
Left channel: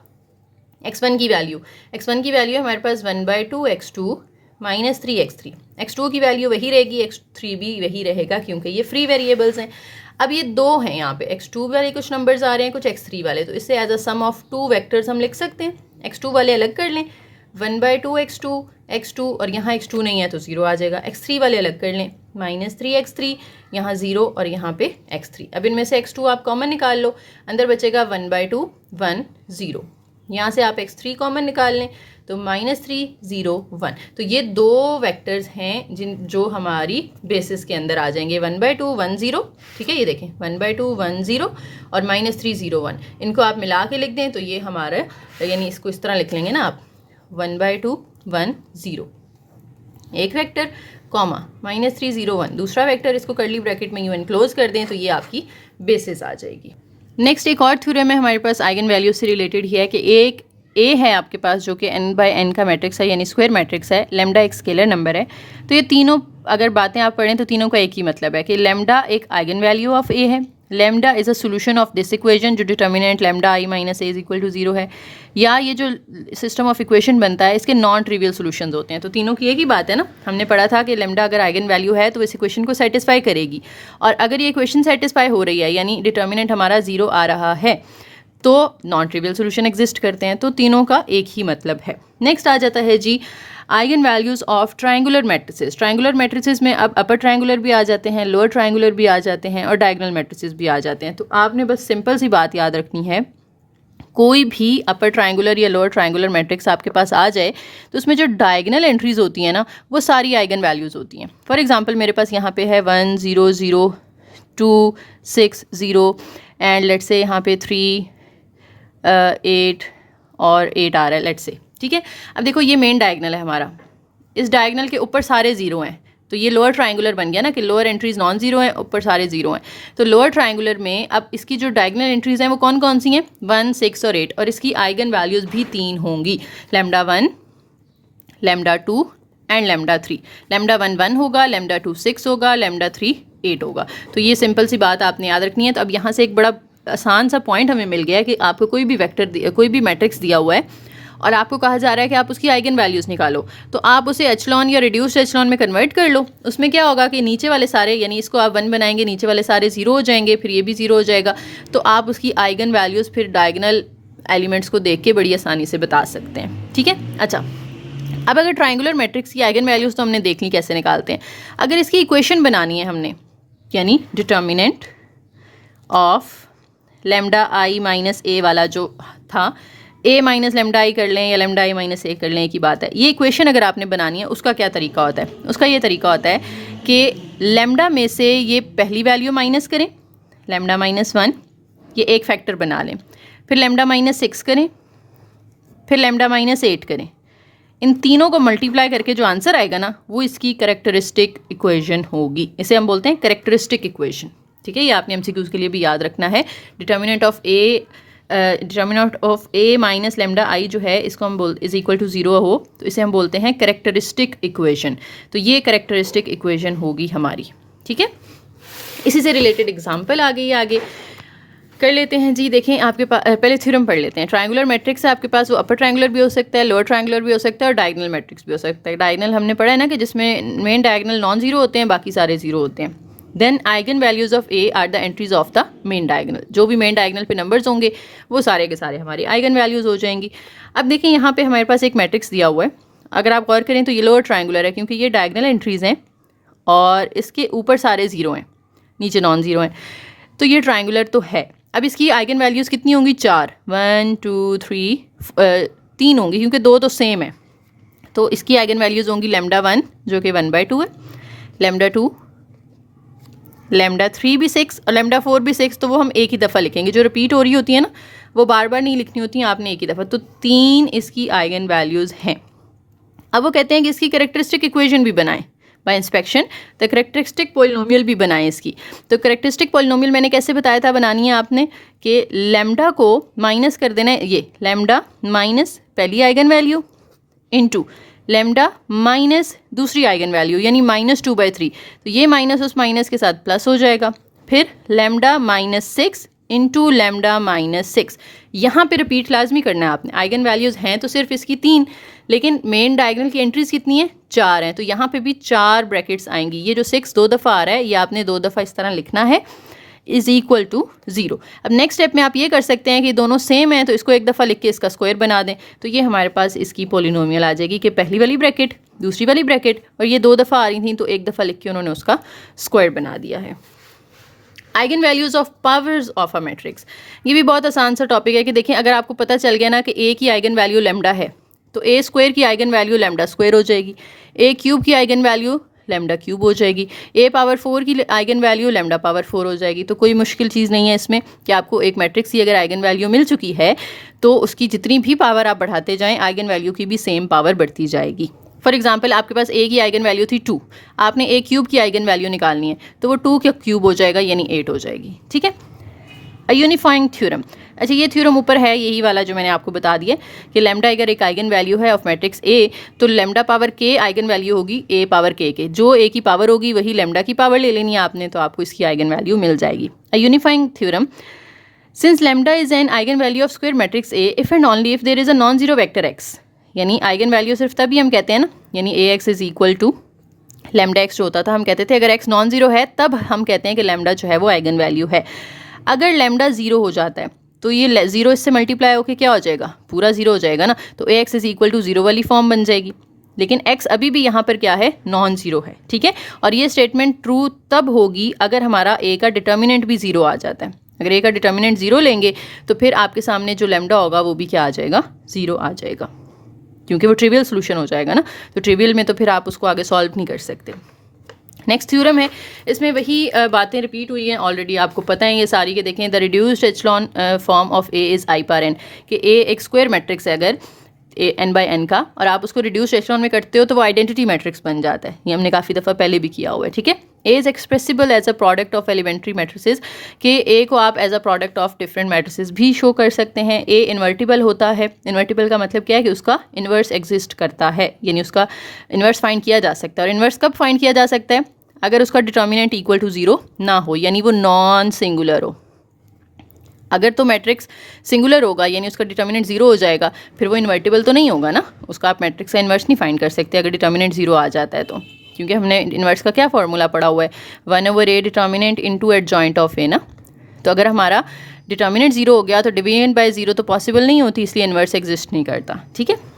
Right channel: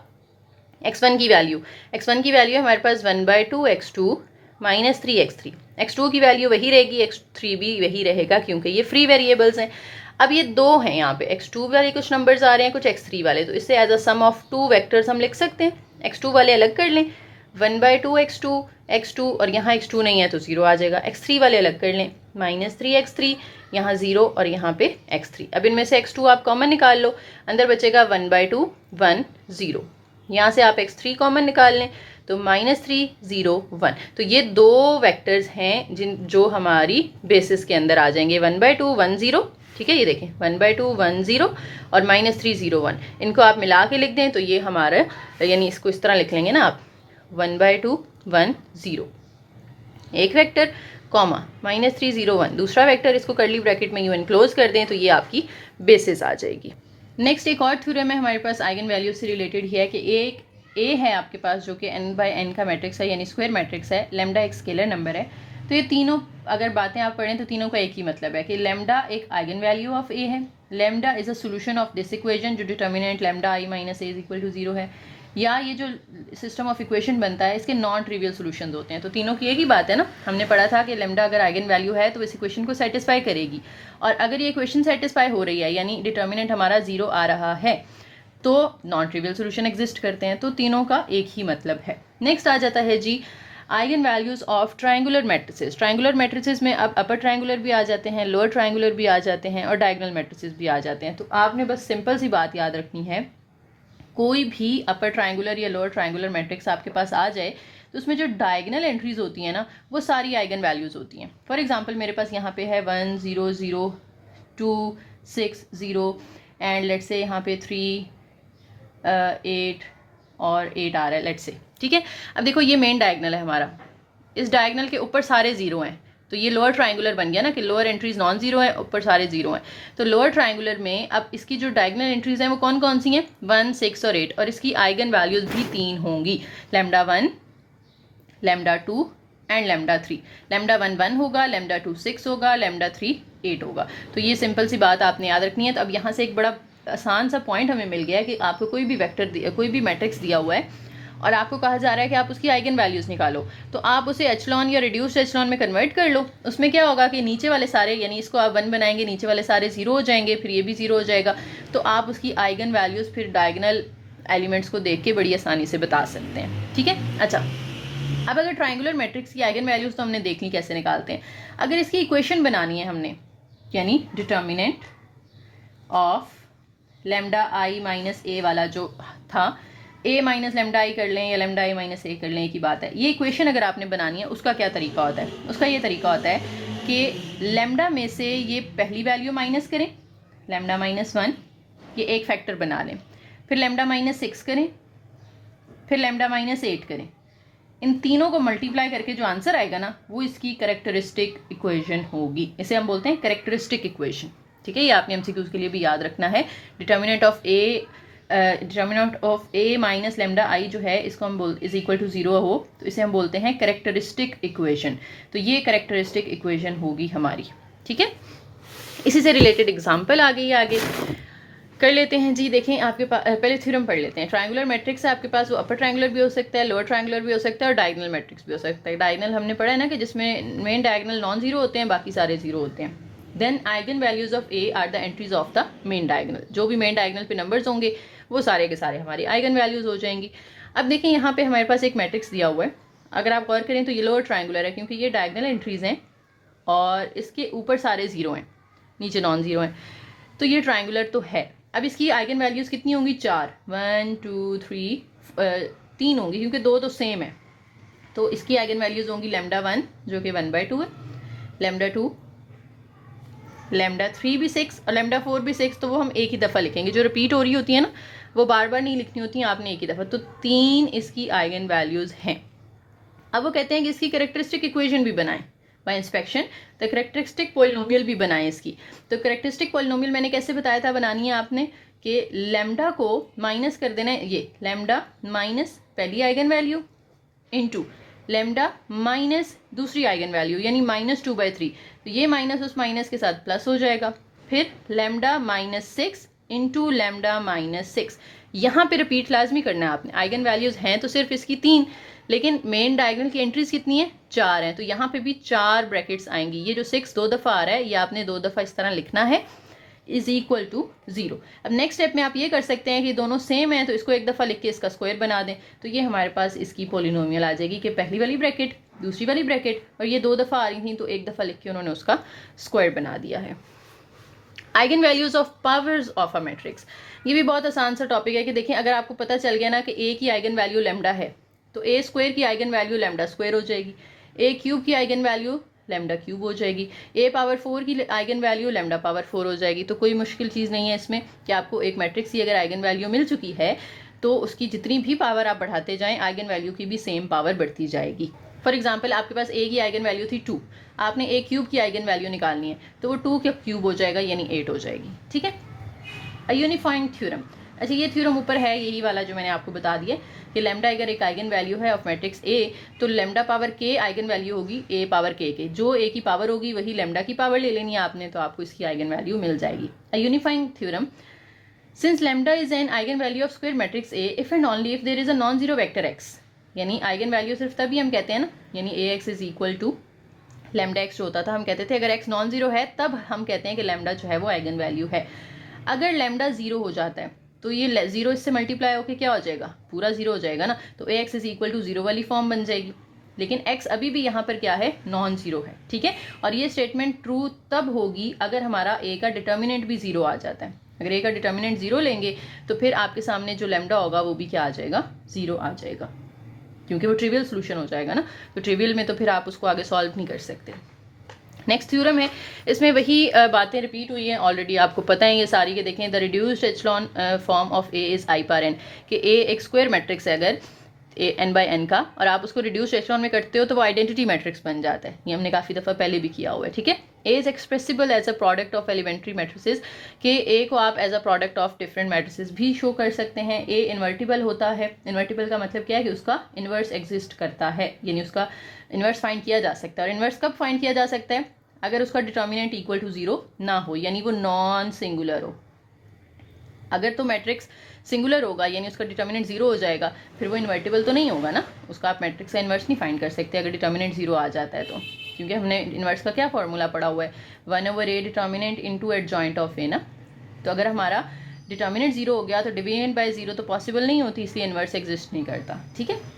x1 की वैल्यू है हमारे पास 1/2x2 माइनस 3x3, x2 की वैल्यू वही रहेगी, x3 भी वही रहेगा क्योंकि ये फ्री वेरिएबल्स हैं। अब ये 2 हैं यहाँ पे, x2 वाले कुछ नंबर्स आ रहे हैं, कुछ x3 वाले, तो इससे as a sum of 2 vectors हम लिख सकते हैं। x2 वाले अलग कर लें, 1/2x2 और यहाँ x2 नहीं है तो 0 आ जाएगा। x3 वाले अलग कर लें, माइनस 3x3, यहाँ 0 और यहाँ पे x3। अब इनमें से x2 आप कॉमन निकाल लो, अंदर बचेगा 1/2 1 0, यहाँ से आप x3 कॉमन निकाल लें तो -3 0 1। तो ये 2 वेक्टर्स हैं जो हमारी बेसिस के अंदर आ जाएंगे, 1/2 1 0। ठीक है, ये देखें 1/2 1 0 और -3 0 1, इनको आप मिला के लिख दें तो ये हमारा, यानी इसको इस तरह लिख लेंगे ना आप, 1/2 1 0 एक वेक्टर, कॉमा -3 0 1 दूसरा वेक्टर, इसको कर्ली ब्रैकेट में यूं एनक्लोज कर दें तो ये आपकी बेसिस आ जाएगी। नेक्स्ट एक और थ्योरम है हमारे पास आइगन वैल्यू से रिलेटेड ही है कि एक ए है आपके पास जो कि n/n का मैट्रिक्स है, यानी स्क्वायर मैट्रिक्स है, लेमडा एक स्केलर नंबर है। तो ये तीनों अगर बातें आप पढ़ें तो तीनों का एक ही मतलब है कि लेमडा एक आइगन वैल्यू ऑफ ए है lambda is a solution of this equation, जो determinant lambda I minus A is equal to 0 है, या ये जो सिस्टम ऑफ इक्वेशन बनता है इसके नॉन ट्रिवियल सोल्यूशन होते हैं। तो तीनों की एक ही बात है ना, हमने पढ़ा था कि लेमडा अगर आइगन वैल्यू है तो इस इक्वेशन को सेटिस्फाई करेगी, और अगर ये इक्वेशन सेटिस्फाई हो रही है यानी डिटर्मिनेंट हमारा 0 आ रहा है तो नॉन ट्रिवियल सोल्यूशन एग्जिस्ट करते हैं। तो तीनों का एक ही मतलब है। नेक्स्ट आ जाता है जी eigenvalues of triangular matrices. Triangular matrices में अब अपर ट्रायंगुलर भी आ जाते हैं, लोअर ट्रायंगुलर भी आ जाते हैं, और डायगोनल मैट्रिसेस भी आ जाते हैं। तो आपने बस सिंपल सी बात याद रखनी है, कोई भी अपर ट्रायंगुलर या लोअर ट्रायंगुलर मैट्रिक्स आपके पास आ जाए तो उसमें जो डायगोनल एंट्रीज होती हैं ना वो सारी आइगन वैल्यूज़ होती हैं। फॉर एग्जांपल मेरे पास यहाँ पे है 1 0 0 2 6 0 एंड लेट्स से यहाँ पे 3 8 और 8 आ रहा है लेट्स से, ठीक है। अब देखो ये मेन डायगोनल है हमारा, इस डायगोनल के ऊपर सारे ज़ीरो हैं, तो ये लोअर ट्रायंगुलर बन गया ना कि लोअर एंट्रीज नॉन जीरो है, ऊपर सारे जीरो हैं। तो लोअर ट्रायंगुलर में अब इसकी जो डायगोनल एंट्रीज हैं वो कौन कौन सी हैं, 1 6 और 8, और इसकी आइगन वैल्यूज़ भी 3 होंगी, lambda 1 lambda 2 and lambda 3। Lambda 1 1 होगा, लैम्डा 2 6 होगा, लैम्डा 3 8 होगा। तो ये सिंपल सी बात आपने याद रखनी है। तो अब यहाँ से एक बड़ा आसान सा पॉइंट हमें मिल गया है कि आपको कोई भी वेक्टर कोई भी मैट्रिक्स दिया हुआ है और आपको कहा जा रहा है कि आप उसकी आइगन वैल्यूज़ निकालो, तो आप उसे एचलॉन या रिड्यूस्ड एचलॉन में कन्वर्ट कर लो। उसमें क्या होगा कि नीचे वाले सारे, यानी इसको आप 1 बनाएंगे, नीचे वाले सारे 0 हो जाएंगे, फिर ये भी 0 हो जाएगा। तो आप उसकी आइगन वैल्यूज़ फिर डायगोनल एलिमेंट्स को देख के बड़ी आसानी से बता सकते हैं, ठीक है। अच्छा, अब अगर ट्रायंगुलर मैट्रिक्स की आइगन वैल्यूज़ तो हमने देख ली कैसे निकालते हैं। अगर इसकी इक्वेशन बनानी है हमने, यानी determinant of lambda I minus A वाला जो था, ए माइनस लेमडा आई कर लें या लेमडा आई माइनस ए कर लें, एक ही बात है। ये इक्वेशन अगर आपने बनानी है उसका क्या तरीका होता है, उसका ये तरीका होता है कि लेमडा में से ये पहली वैल्यू माइनस करें, लेमडा माइनस 1, ये एक फैक्टर बना लें, फिर लेमडा माइनस 6 करें, फिर लेमडा माइनस 8 करें। इन तीनों को मल्टीप्लाई करके जो आंसर आएगा ना वो इसकी करेक्टरिस्टिक इक्वेशन होगी। इसे हम बोलते हैं करेक्टरिस्टिक इक्वेशन, ठीक है। ये आपने एमसीक्यूज़ के लिए भी याद रखना है। Determinant of A minus lambda I जो है इसको हम इज इक्वल टू 0 हो तो इसे हम बोलते हैं करेक्टरिस्टिक इक्वेशन। तो ये करेक्टरिस्टिक इक्वेशन होगी हमारी, ठीक है। इसी से रिलेटेड एग्जांपल आ गई, आगे कर लेते हैं जी। देखें आपके पास पहले थ्योरम पढ़ लेते हैं। ट्रायंगुलर मैट्रिक्स है आपके पास, वो अपर ट्रायंगुलर भी हो सकता है, लोअर ट्रायंगुलर भी हो सकता है, और डायगोनल मैट्रिक्स भी हो सकता है। डायगोनल हमने पढ़ा है ना कि जिसमें मेन डायगोनल नॉन जीरो होते हैं, बाकी सारे जीरो होते हैं। Then eigen values of A are the entries of the main diagonal. जो भी मेन डायगोनल पे नंबर्स होंगे वो सारे के सारे हमारी आइगन वैल्यूज हो जाएंगी। अब देखिए यहाँ पे हमारे पास एक मैट्रिक्स दिया हुआ है, अगर आप गौर करें तो ये लोअर ट्रायंगुलर है क्योंकि ये डायगोनल एंट्रीज हैं और इसके ऊपर सारे जीरो हैं, नीचे नॉन जीरो हैं, तो ये ट्रायंगुलर तो है। अब इसकी आइगन वैल्यूज़ कितनी होंगी, 4, 1 2 3 3 होंगी क्योंकि 2 तो सेम है। तो इसकी आइगन वैल्यूज़ होंगी लेमडा 1 जो कि 1/2 है, लेमडा 2, लेमडा 3 भी 6 और लेमडा 4 भी 6। तो वो हम एक ही दफ़ा लिखेंगे, जो रिपीट हो रही होती है ना वो बार बार नहीं लिखनी होती हैं आपने, एक ही दफ़ा। तो 3 इसकी आइगन वैल्यूज़ हैं। अब वो कहते हैं कि इसकी कैरेक्टरिस्टिक इक्वेशन भी बनाएं बाय इंस्पेक्शन, तो कैरेक्टरिस्टिक पॉलिनोमियल भी बनाएं इसकी। तो कैरेक्टरिस्टिक पॉलिनोमियल मैंने कैसे बताया था बनानी है आपने, कि लेमडा को माइनस कर देना है, ये लेमडा माइनस पहली eigen value into lambda minus दूसरी आइगन वैल्यू यानी -2/3। तो ये माइनस उस माइनस के साथ प्लस हो जाएगा, फिर लेमडा -6 इंटू लेमडा -6। यहाँ पे रिपीट लाजमी करना है आपने। आइगन वैल्यूज़ हैं तो सिर्फ इसकी 3, लेकिन मेन डायगोनल की एंट्रीज कितनी है, 4 हैं। तो यहाँ पे भी 4 ब्रैकेट्स आएंगी। ये जो 6 2 दफ़ा आ रहा है ये आपने 2 दफ़ा इस तरह लिखना है, इज़ इक्वल टू 0। अब नेक्स्ट स्टेप में आप ये कर सकते हैं कि दोनों सेम हैं तो इसको एक दफ़ा लिख के इसका स्क्वायर बना दें। तो ये हमारे पास इसकी पॉलिनोमियल आ जाएगी कि पहली वाली ब्रैकेट दूसरी वाली ब्रैकेट, और ये 2 दफ़ा आ रही थी तो एक दफ़ा लिख के उन्होंने उसका स्क्वायर बना दिया है। Eigen values of powers of a matrix, ये भी बहुत आसान सा टॉपिक है कि देखें अगर आपको पता चल गया ना कि ए की आइगन वैल्यू लेमडा है तो ए स्क्वायर की आइगन वैल्यू लेमडा स्क्वायर हो जाएगी, ए क्यूब की आइगन वैल्यू लेमडा क्यूब हो जाएगी, ए पावर 4 की आइगन वैल्यू लेमडा पावर 4 हो जाएगी। तो कोई मुश्किल चीज़ नहीं है इसमें कि आपको एक मैट्रिक्स की अगर आइगन वैल्यू मिल चुकी है तो उसकी जितनी भी पावर आप बढ़ाते जाएं आइगन वैल्यू की भी सेम पावर बढ़ती जाएगी। फॉर एग्जाम्पल आपके पास ए की आइगन वैल्यू थी 2, आपने ए क्यूब की आइगन वैल्यू निकालनी है तो वो 2 का क्यूब हो जाएगा यानी 8 हो जाएगी, ठीक है। अ यूनिफाइंग थ्योरम, अच्छा, ये थ्योरम ऊपर है यही वाला जो मैंने आपको बता दिया कि लैम्डा अगर एक आइगन वैल्यू है ऑफ मैट्रिक्स ए तो लैम्डा पावर के आइगन वैल्यू होगी ए पावर के जो ए की पावर होगी वही लैम्डा की पावर ले लेनी है आपने, तो आपको इसकी आइगन वैल्यू मिल जाएगी। A unifying theorem, since lambda is an eigen value of square matrix A if and only if there is a non zero vector X, यानी आइगन वैल्यू सिर्फ तभी हम कहते हैं ना, यानी A X is equal to lambda x जो होता था हम कहते थे अगर एक्स नॉन जीरो है तब हम कहते हैं कि लैम्डा जो है वो आइगन वैल्यू है। अगर लैम्डा जीरो हो जाता है तो ये जीरो इससे मल्टीप्लाई होकर क्या हो जाएगा, पूरा जीरो हो जाएगा ना, तो A X is equal to zero वाली फॉर्म बन जाएगी। लेकिन एक्स अभी भी यहाँ पर क्या है, नॉन जीरो है, ठीक है। और ये स्टेटमेंट ट्रू तब होगी अगर हमारा ए का डिटर्मिनेंट भी जीरो आ जाता है। अगर ए का डिटर्मिनेंट जीरो लेंगे तो फिर आपके सामने जो लैम्डा होगा वो भी क्या आ जाएगा, जीरो आ जाएगा, क्योंकि वो ट्रिवियल सोल्यूशन हो जाएगा ना, तो ट्रिवियल में तो फिर आप उसको आगे सॉल्व नहीं कर सकते। नेक्स्ट थ्योरम है, इसमें वही बातें रिपीट हुई हैं ऑलरेडी, आपको पता है ये सारी के। देखें, the reduced echelon form of A is I power n, कि ए एक स्क्वायर मैट्रिक्स है अगर ए एन बाई एन का, और आप उसको रिड्यूस्ड एचलॉन में करते हो तो वो आइडेंटिटी मैट्रिक्स बन जाता है। ये हमने काफ़ी दफ़ा पहले भी किया हुआ है, ठीक है। A is expressible as a product of elementary matrices, कि ए को आप as a product of different matrices भी शो कर सकते हैं। ए इन्वर्टिबल होता है, इन्वर्टिबल का मतलब क्या है कि उसका इन्वर्स एग्जिस्ट करता है, यानी उसका इन्वर्स फाइंड किया जा सकता है। और इन्वर्स कब फाइंड किया जा सकता है, अगर उसका डिटर्मिनेंट इक्वल टू जीरो ना हो, यानी वो नॉन सिंगुलर हो। अगर तो मैट्रिक्स सिंगुलर होगा यानी उसका डिटर्मिनेंट जीरो हो जाएगा, फिर वो इन्वर्टिबल तो नहीं होगा ना, उसका आप मैट्रिक्स का इन्वर्स नहीं फाइंड कर सकते अगर डिटर्मिनेंट जीरो आ जाता है तो, क्योंकि हमने इन्वर्स का क्या फॉर्मूला पढ़ा हुआ है, 1/a determinant into adjoint of A ना। तो अगर हमारा डिटर्मिनेंट जीरो हो गया तो डिवीजन बाय जीरो तो पॉसिबल नहीं होती, इसलिए इन्वर्स एग्जिस्ट नहीं करता, ठीक है।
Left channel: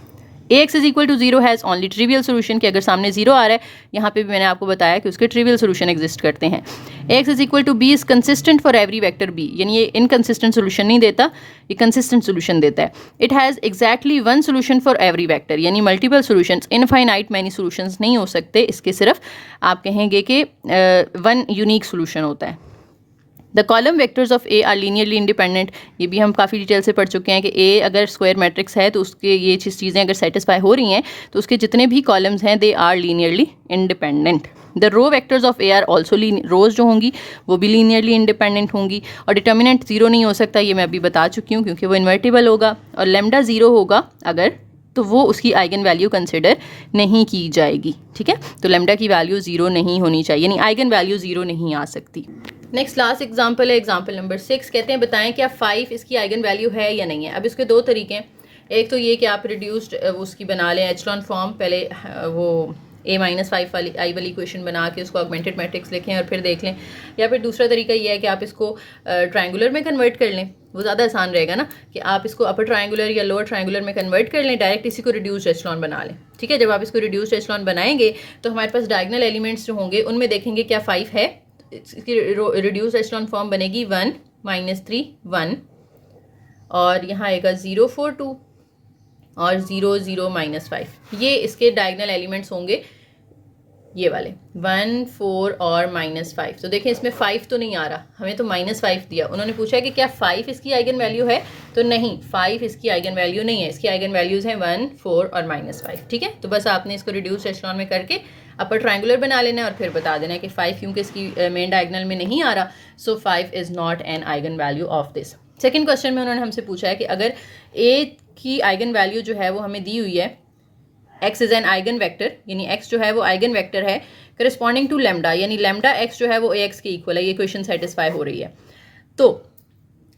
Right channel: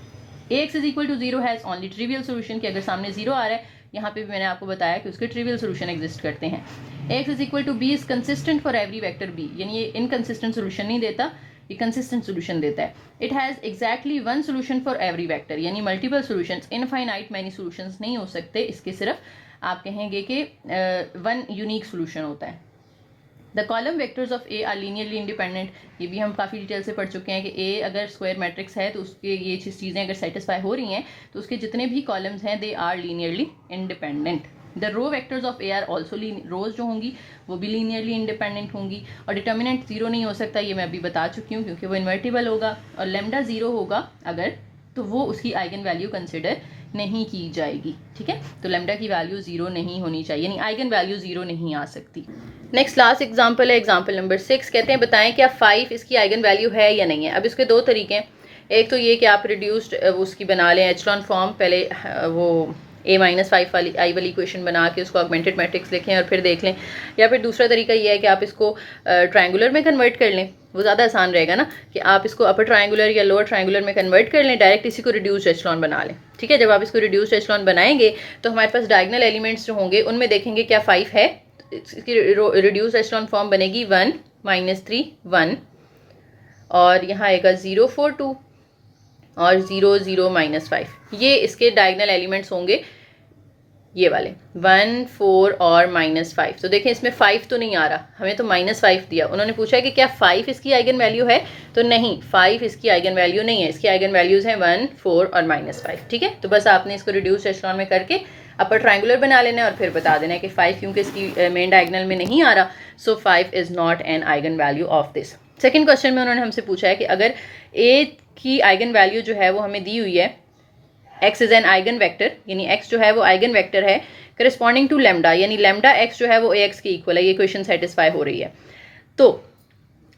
A X is equal to zero has only trivial solution, कि अगर सामने जीरो आ रहा है, यहाँ पे भी मैंने आपको बताया कि उसके ट्रिवियल सोल्यूशन एग्जिस्ट करते हैं। A X is equal to B is consistent for every vector B, यानी ये इनकंसिस्टेंट सोल्यूशन नहीं देता, ये कंसिस्टेंट सोल्यूशन देता है। It has exactly one solution for every vector, यानी multiple solutions, infinite many solutions नहीं हो सकते इसके, सिर्फ आप कहेंगे कि वन यूनिक सोल्यूशन होता है। The column vectors of A are linearly independent, ये भी हम काफ़ी डिटेल से पढ़ चुके हैं कि ए अगर स्क्वायर मैट्रिक्स है तो उसके ये चीज़ें अगर सेटिस्फाई हो रही हैं तो उसके जितने भी कॉलम्स हैं they are linearly independent. The row vectors of A are also rows जो होंगी वो भी लीनियरली इंडिपेंडेंट होंगी। और डिटर्मिनेंट जीरो नहीं हो सकता, ये मैं अभी बता चुकी हूँ, क्योंकि वो इन्वर्टिबल होगा। और लैम्डा जीरो होगा अगर, तो वो उसकी आइगन वैल्यू कंसिडर नहीं की जाएगी, ठीक है। तो लैम्डा की वैल्यू जीरो नहीं होनी चाहिए, यानी आइगन वैल्यू जीरो नहीं आ सकती। नेक्स्ट लास्ट एग्जांपल है, एग्जांपल नंबर 6। कहते हैं बताएं क्या 5 इसकी आइगन वैल्यू है या नहीं है। अब इसके दो तरीके हैं, एक तो ये कि आप रिड्यूस्ड उसकी बना लें एचलॉन फॉर्म, पहले वो a-5 वाली आई वाली इक्वेशन बना के उसको ऑगमेंटेड मैट्रिक्स लिखें और फिर देख लें, या फिर दूसरा तरीका ये है कि आप इसको ट्रायंगुलर में कन्वर्ट कर लें, वो ज़्यादा आसान रहेगा ना, कि आप इसको अपर ट्रायंगुलर या लोअर ट्रायंगुलर में कन्वर्ट कर लें, डायरेक्ट इसी को रिड्यूस्ड एचलॉन बना लें, ठीक है। जब आप इसको रिड्यूस्ड एचलॉन बनाएंगे तो हमारे पास डायगोनल एलिमेंट्स जो होंगे उनमें देखेंगे क्या 5 है, इसकी रिड्यूस एचलॉन फॉर्म बनेगी 1 -3 1, और यहाँ आएगा 0 4 2 और 0 0 -5, ये इसके डायगोनल एलिमेंट्स होंगे, ये वाले 1 4 और -5। तो देखें इसमें 5 तो नहीं आ रहा, हमें तो -5 दिया। उन्होंने पूछा कि क्या 5 इसकी आइगन वैल्यू है, तो नहीं, 5 इसकी आइगन वैल्यू नहीं है, इसकी आइगन वैल्यूज़ हैं 1 4 और -5, ठीक है। तो बस आपने इसको रिड्यूस एचलॉन में करके अपर ट्रायंगुलर बना लेना है और फिर बता देना है कि 5 क्योंकि इसकी मेन डायगोनल में नहीं आ रहा, सो 5 is not an eigen value of this. Second question में उन्होंने हमसे पूछा है कि अगर ए की आइगन वैल्यू जो है वो हमें दी हुई है, x is an eigen vector, यानी x जो है वो आइगन वेक्टर है करस्पॉन्डिंग टू लैम्डा, यानी लैम्डा x जो है वो ax के इक्वल है, ये क्वेश्चन सेटिस्फाई हो रही है। तो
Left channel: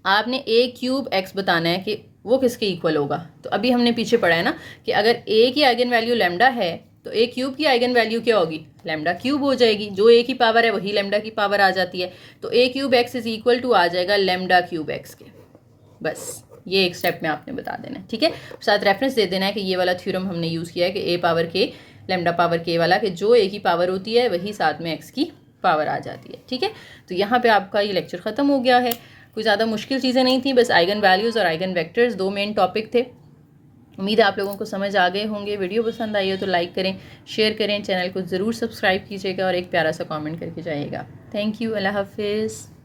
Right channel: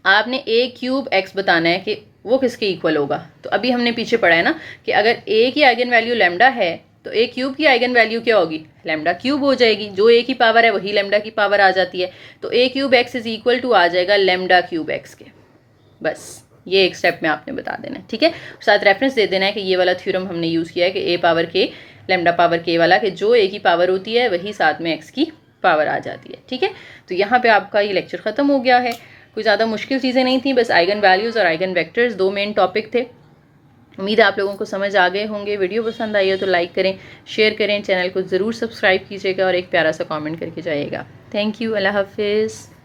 आपने a³ x बताना है कि वो किसके इक्वल होगा। तो अभी हमने पीछे पढ़ा है ना कि अगर a की आइगन वैल्यू लैम्डा है तो a³ की आइगन वैल्यू क्या होगी, लैम्डा क्यूब हो जाएगी, जो a की पावर है वही लैम्डा की पावर आ जाती है, तो a³ x is equal to आ जाएगा लैम्डा क्यूब x के। बस ये एक स्टेप में आपने बता देना है, ठीक है। साथ रेफरेंस दे देना है कि ये वाला थ्योरम हमने यूज़ किया है कि a power k lambda power k वाला, कि जो a की पावर होती है वही साथ में x की पावर आ जाती है, ठीक है। तो यहाँ पे आपका ये लेक्चर ख़त्म हो गया है, कोई ज़्यादा मुश्किल चीज़ें नहीं थी, बस आइगन वैल्यूज़ और आइगन वेक्टर्स दो मेन टॉपिक थे। उम्मीद है आप लोगों को समझ आ गए होंगे। वीडियो पसंद आई हो तो लाइक करें, शेयर करें, चैनल को ज़रूर सब्सक्राइब कीजिएगा और एक प्यारा सा कमेंट करके जाइएगा। थैंक यू, अल्लाह हाफिज़।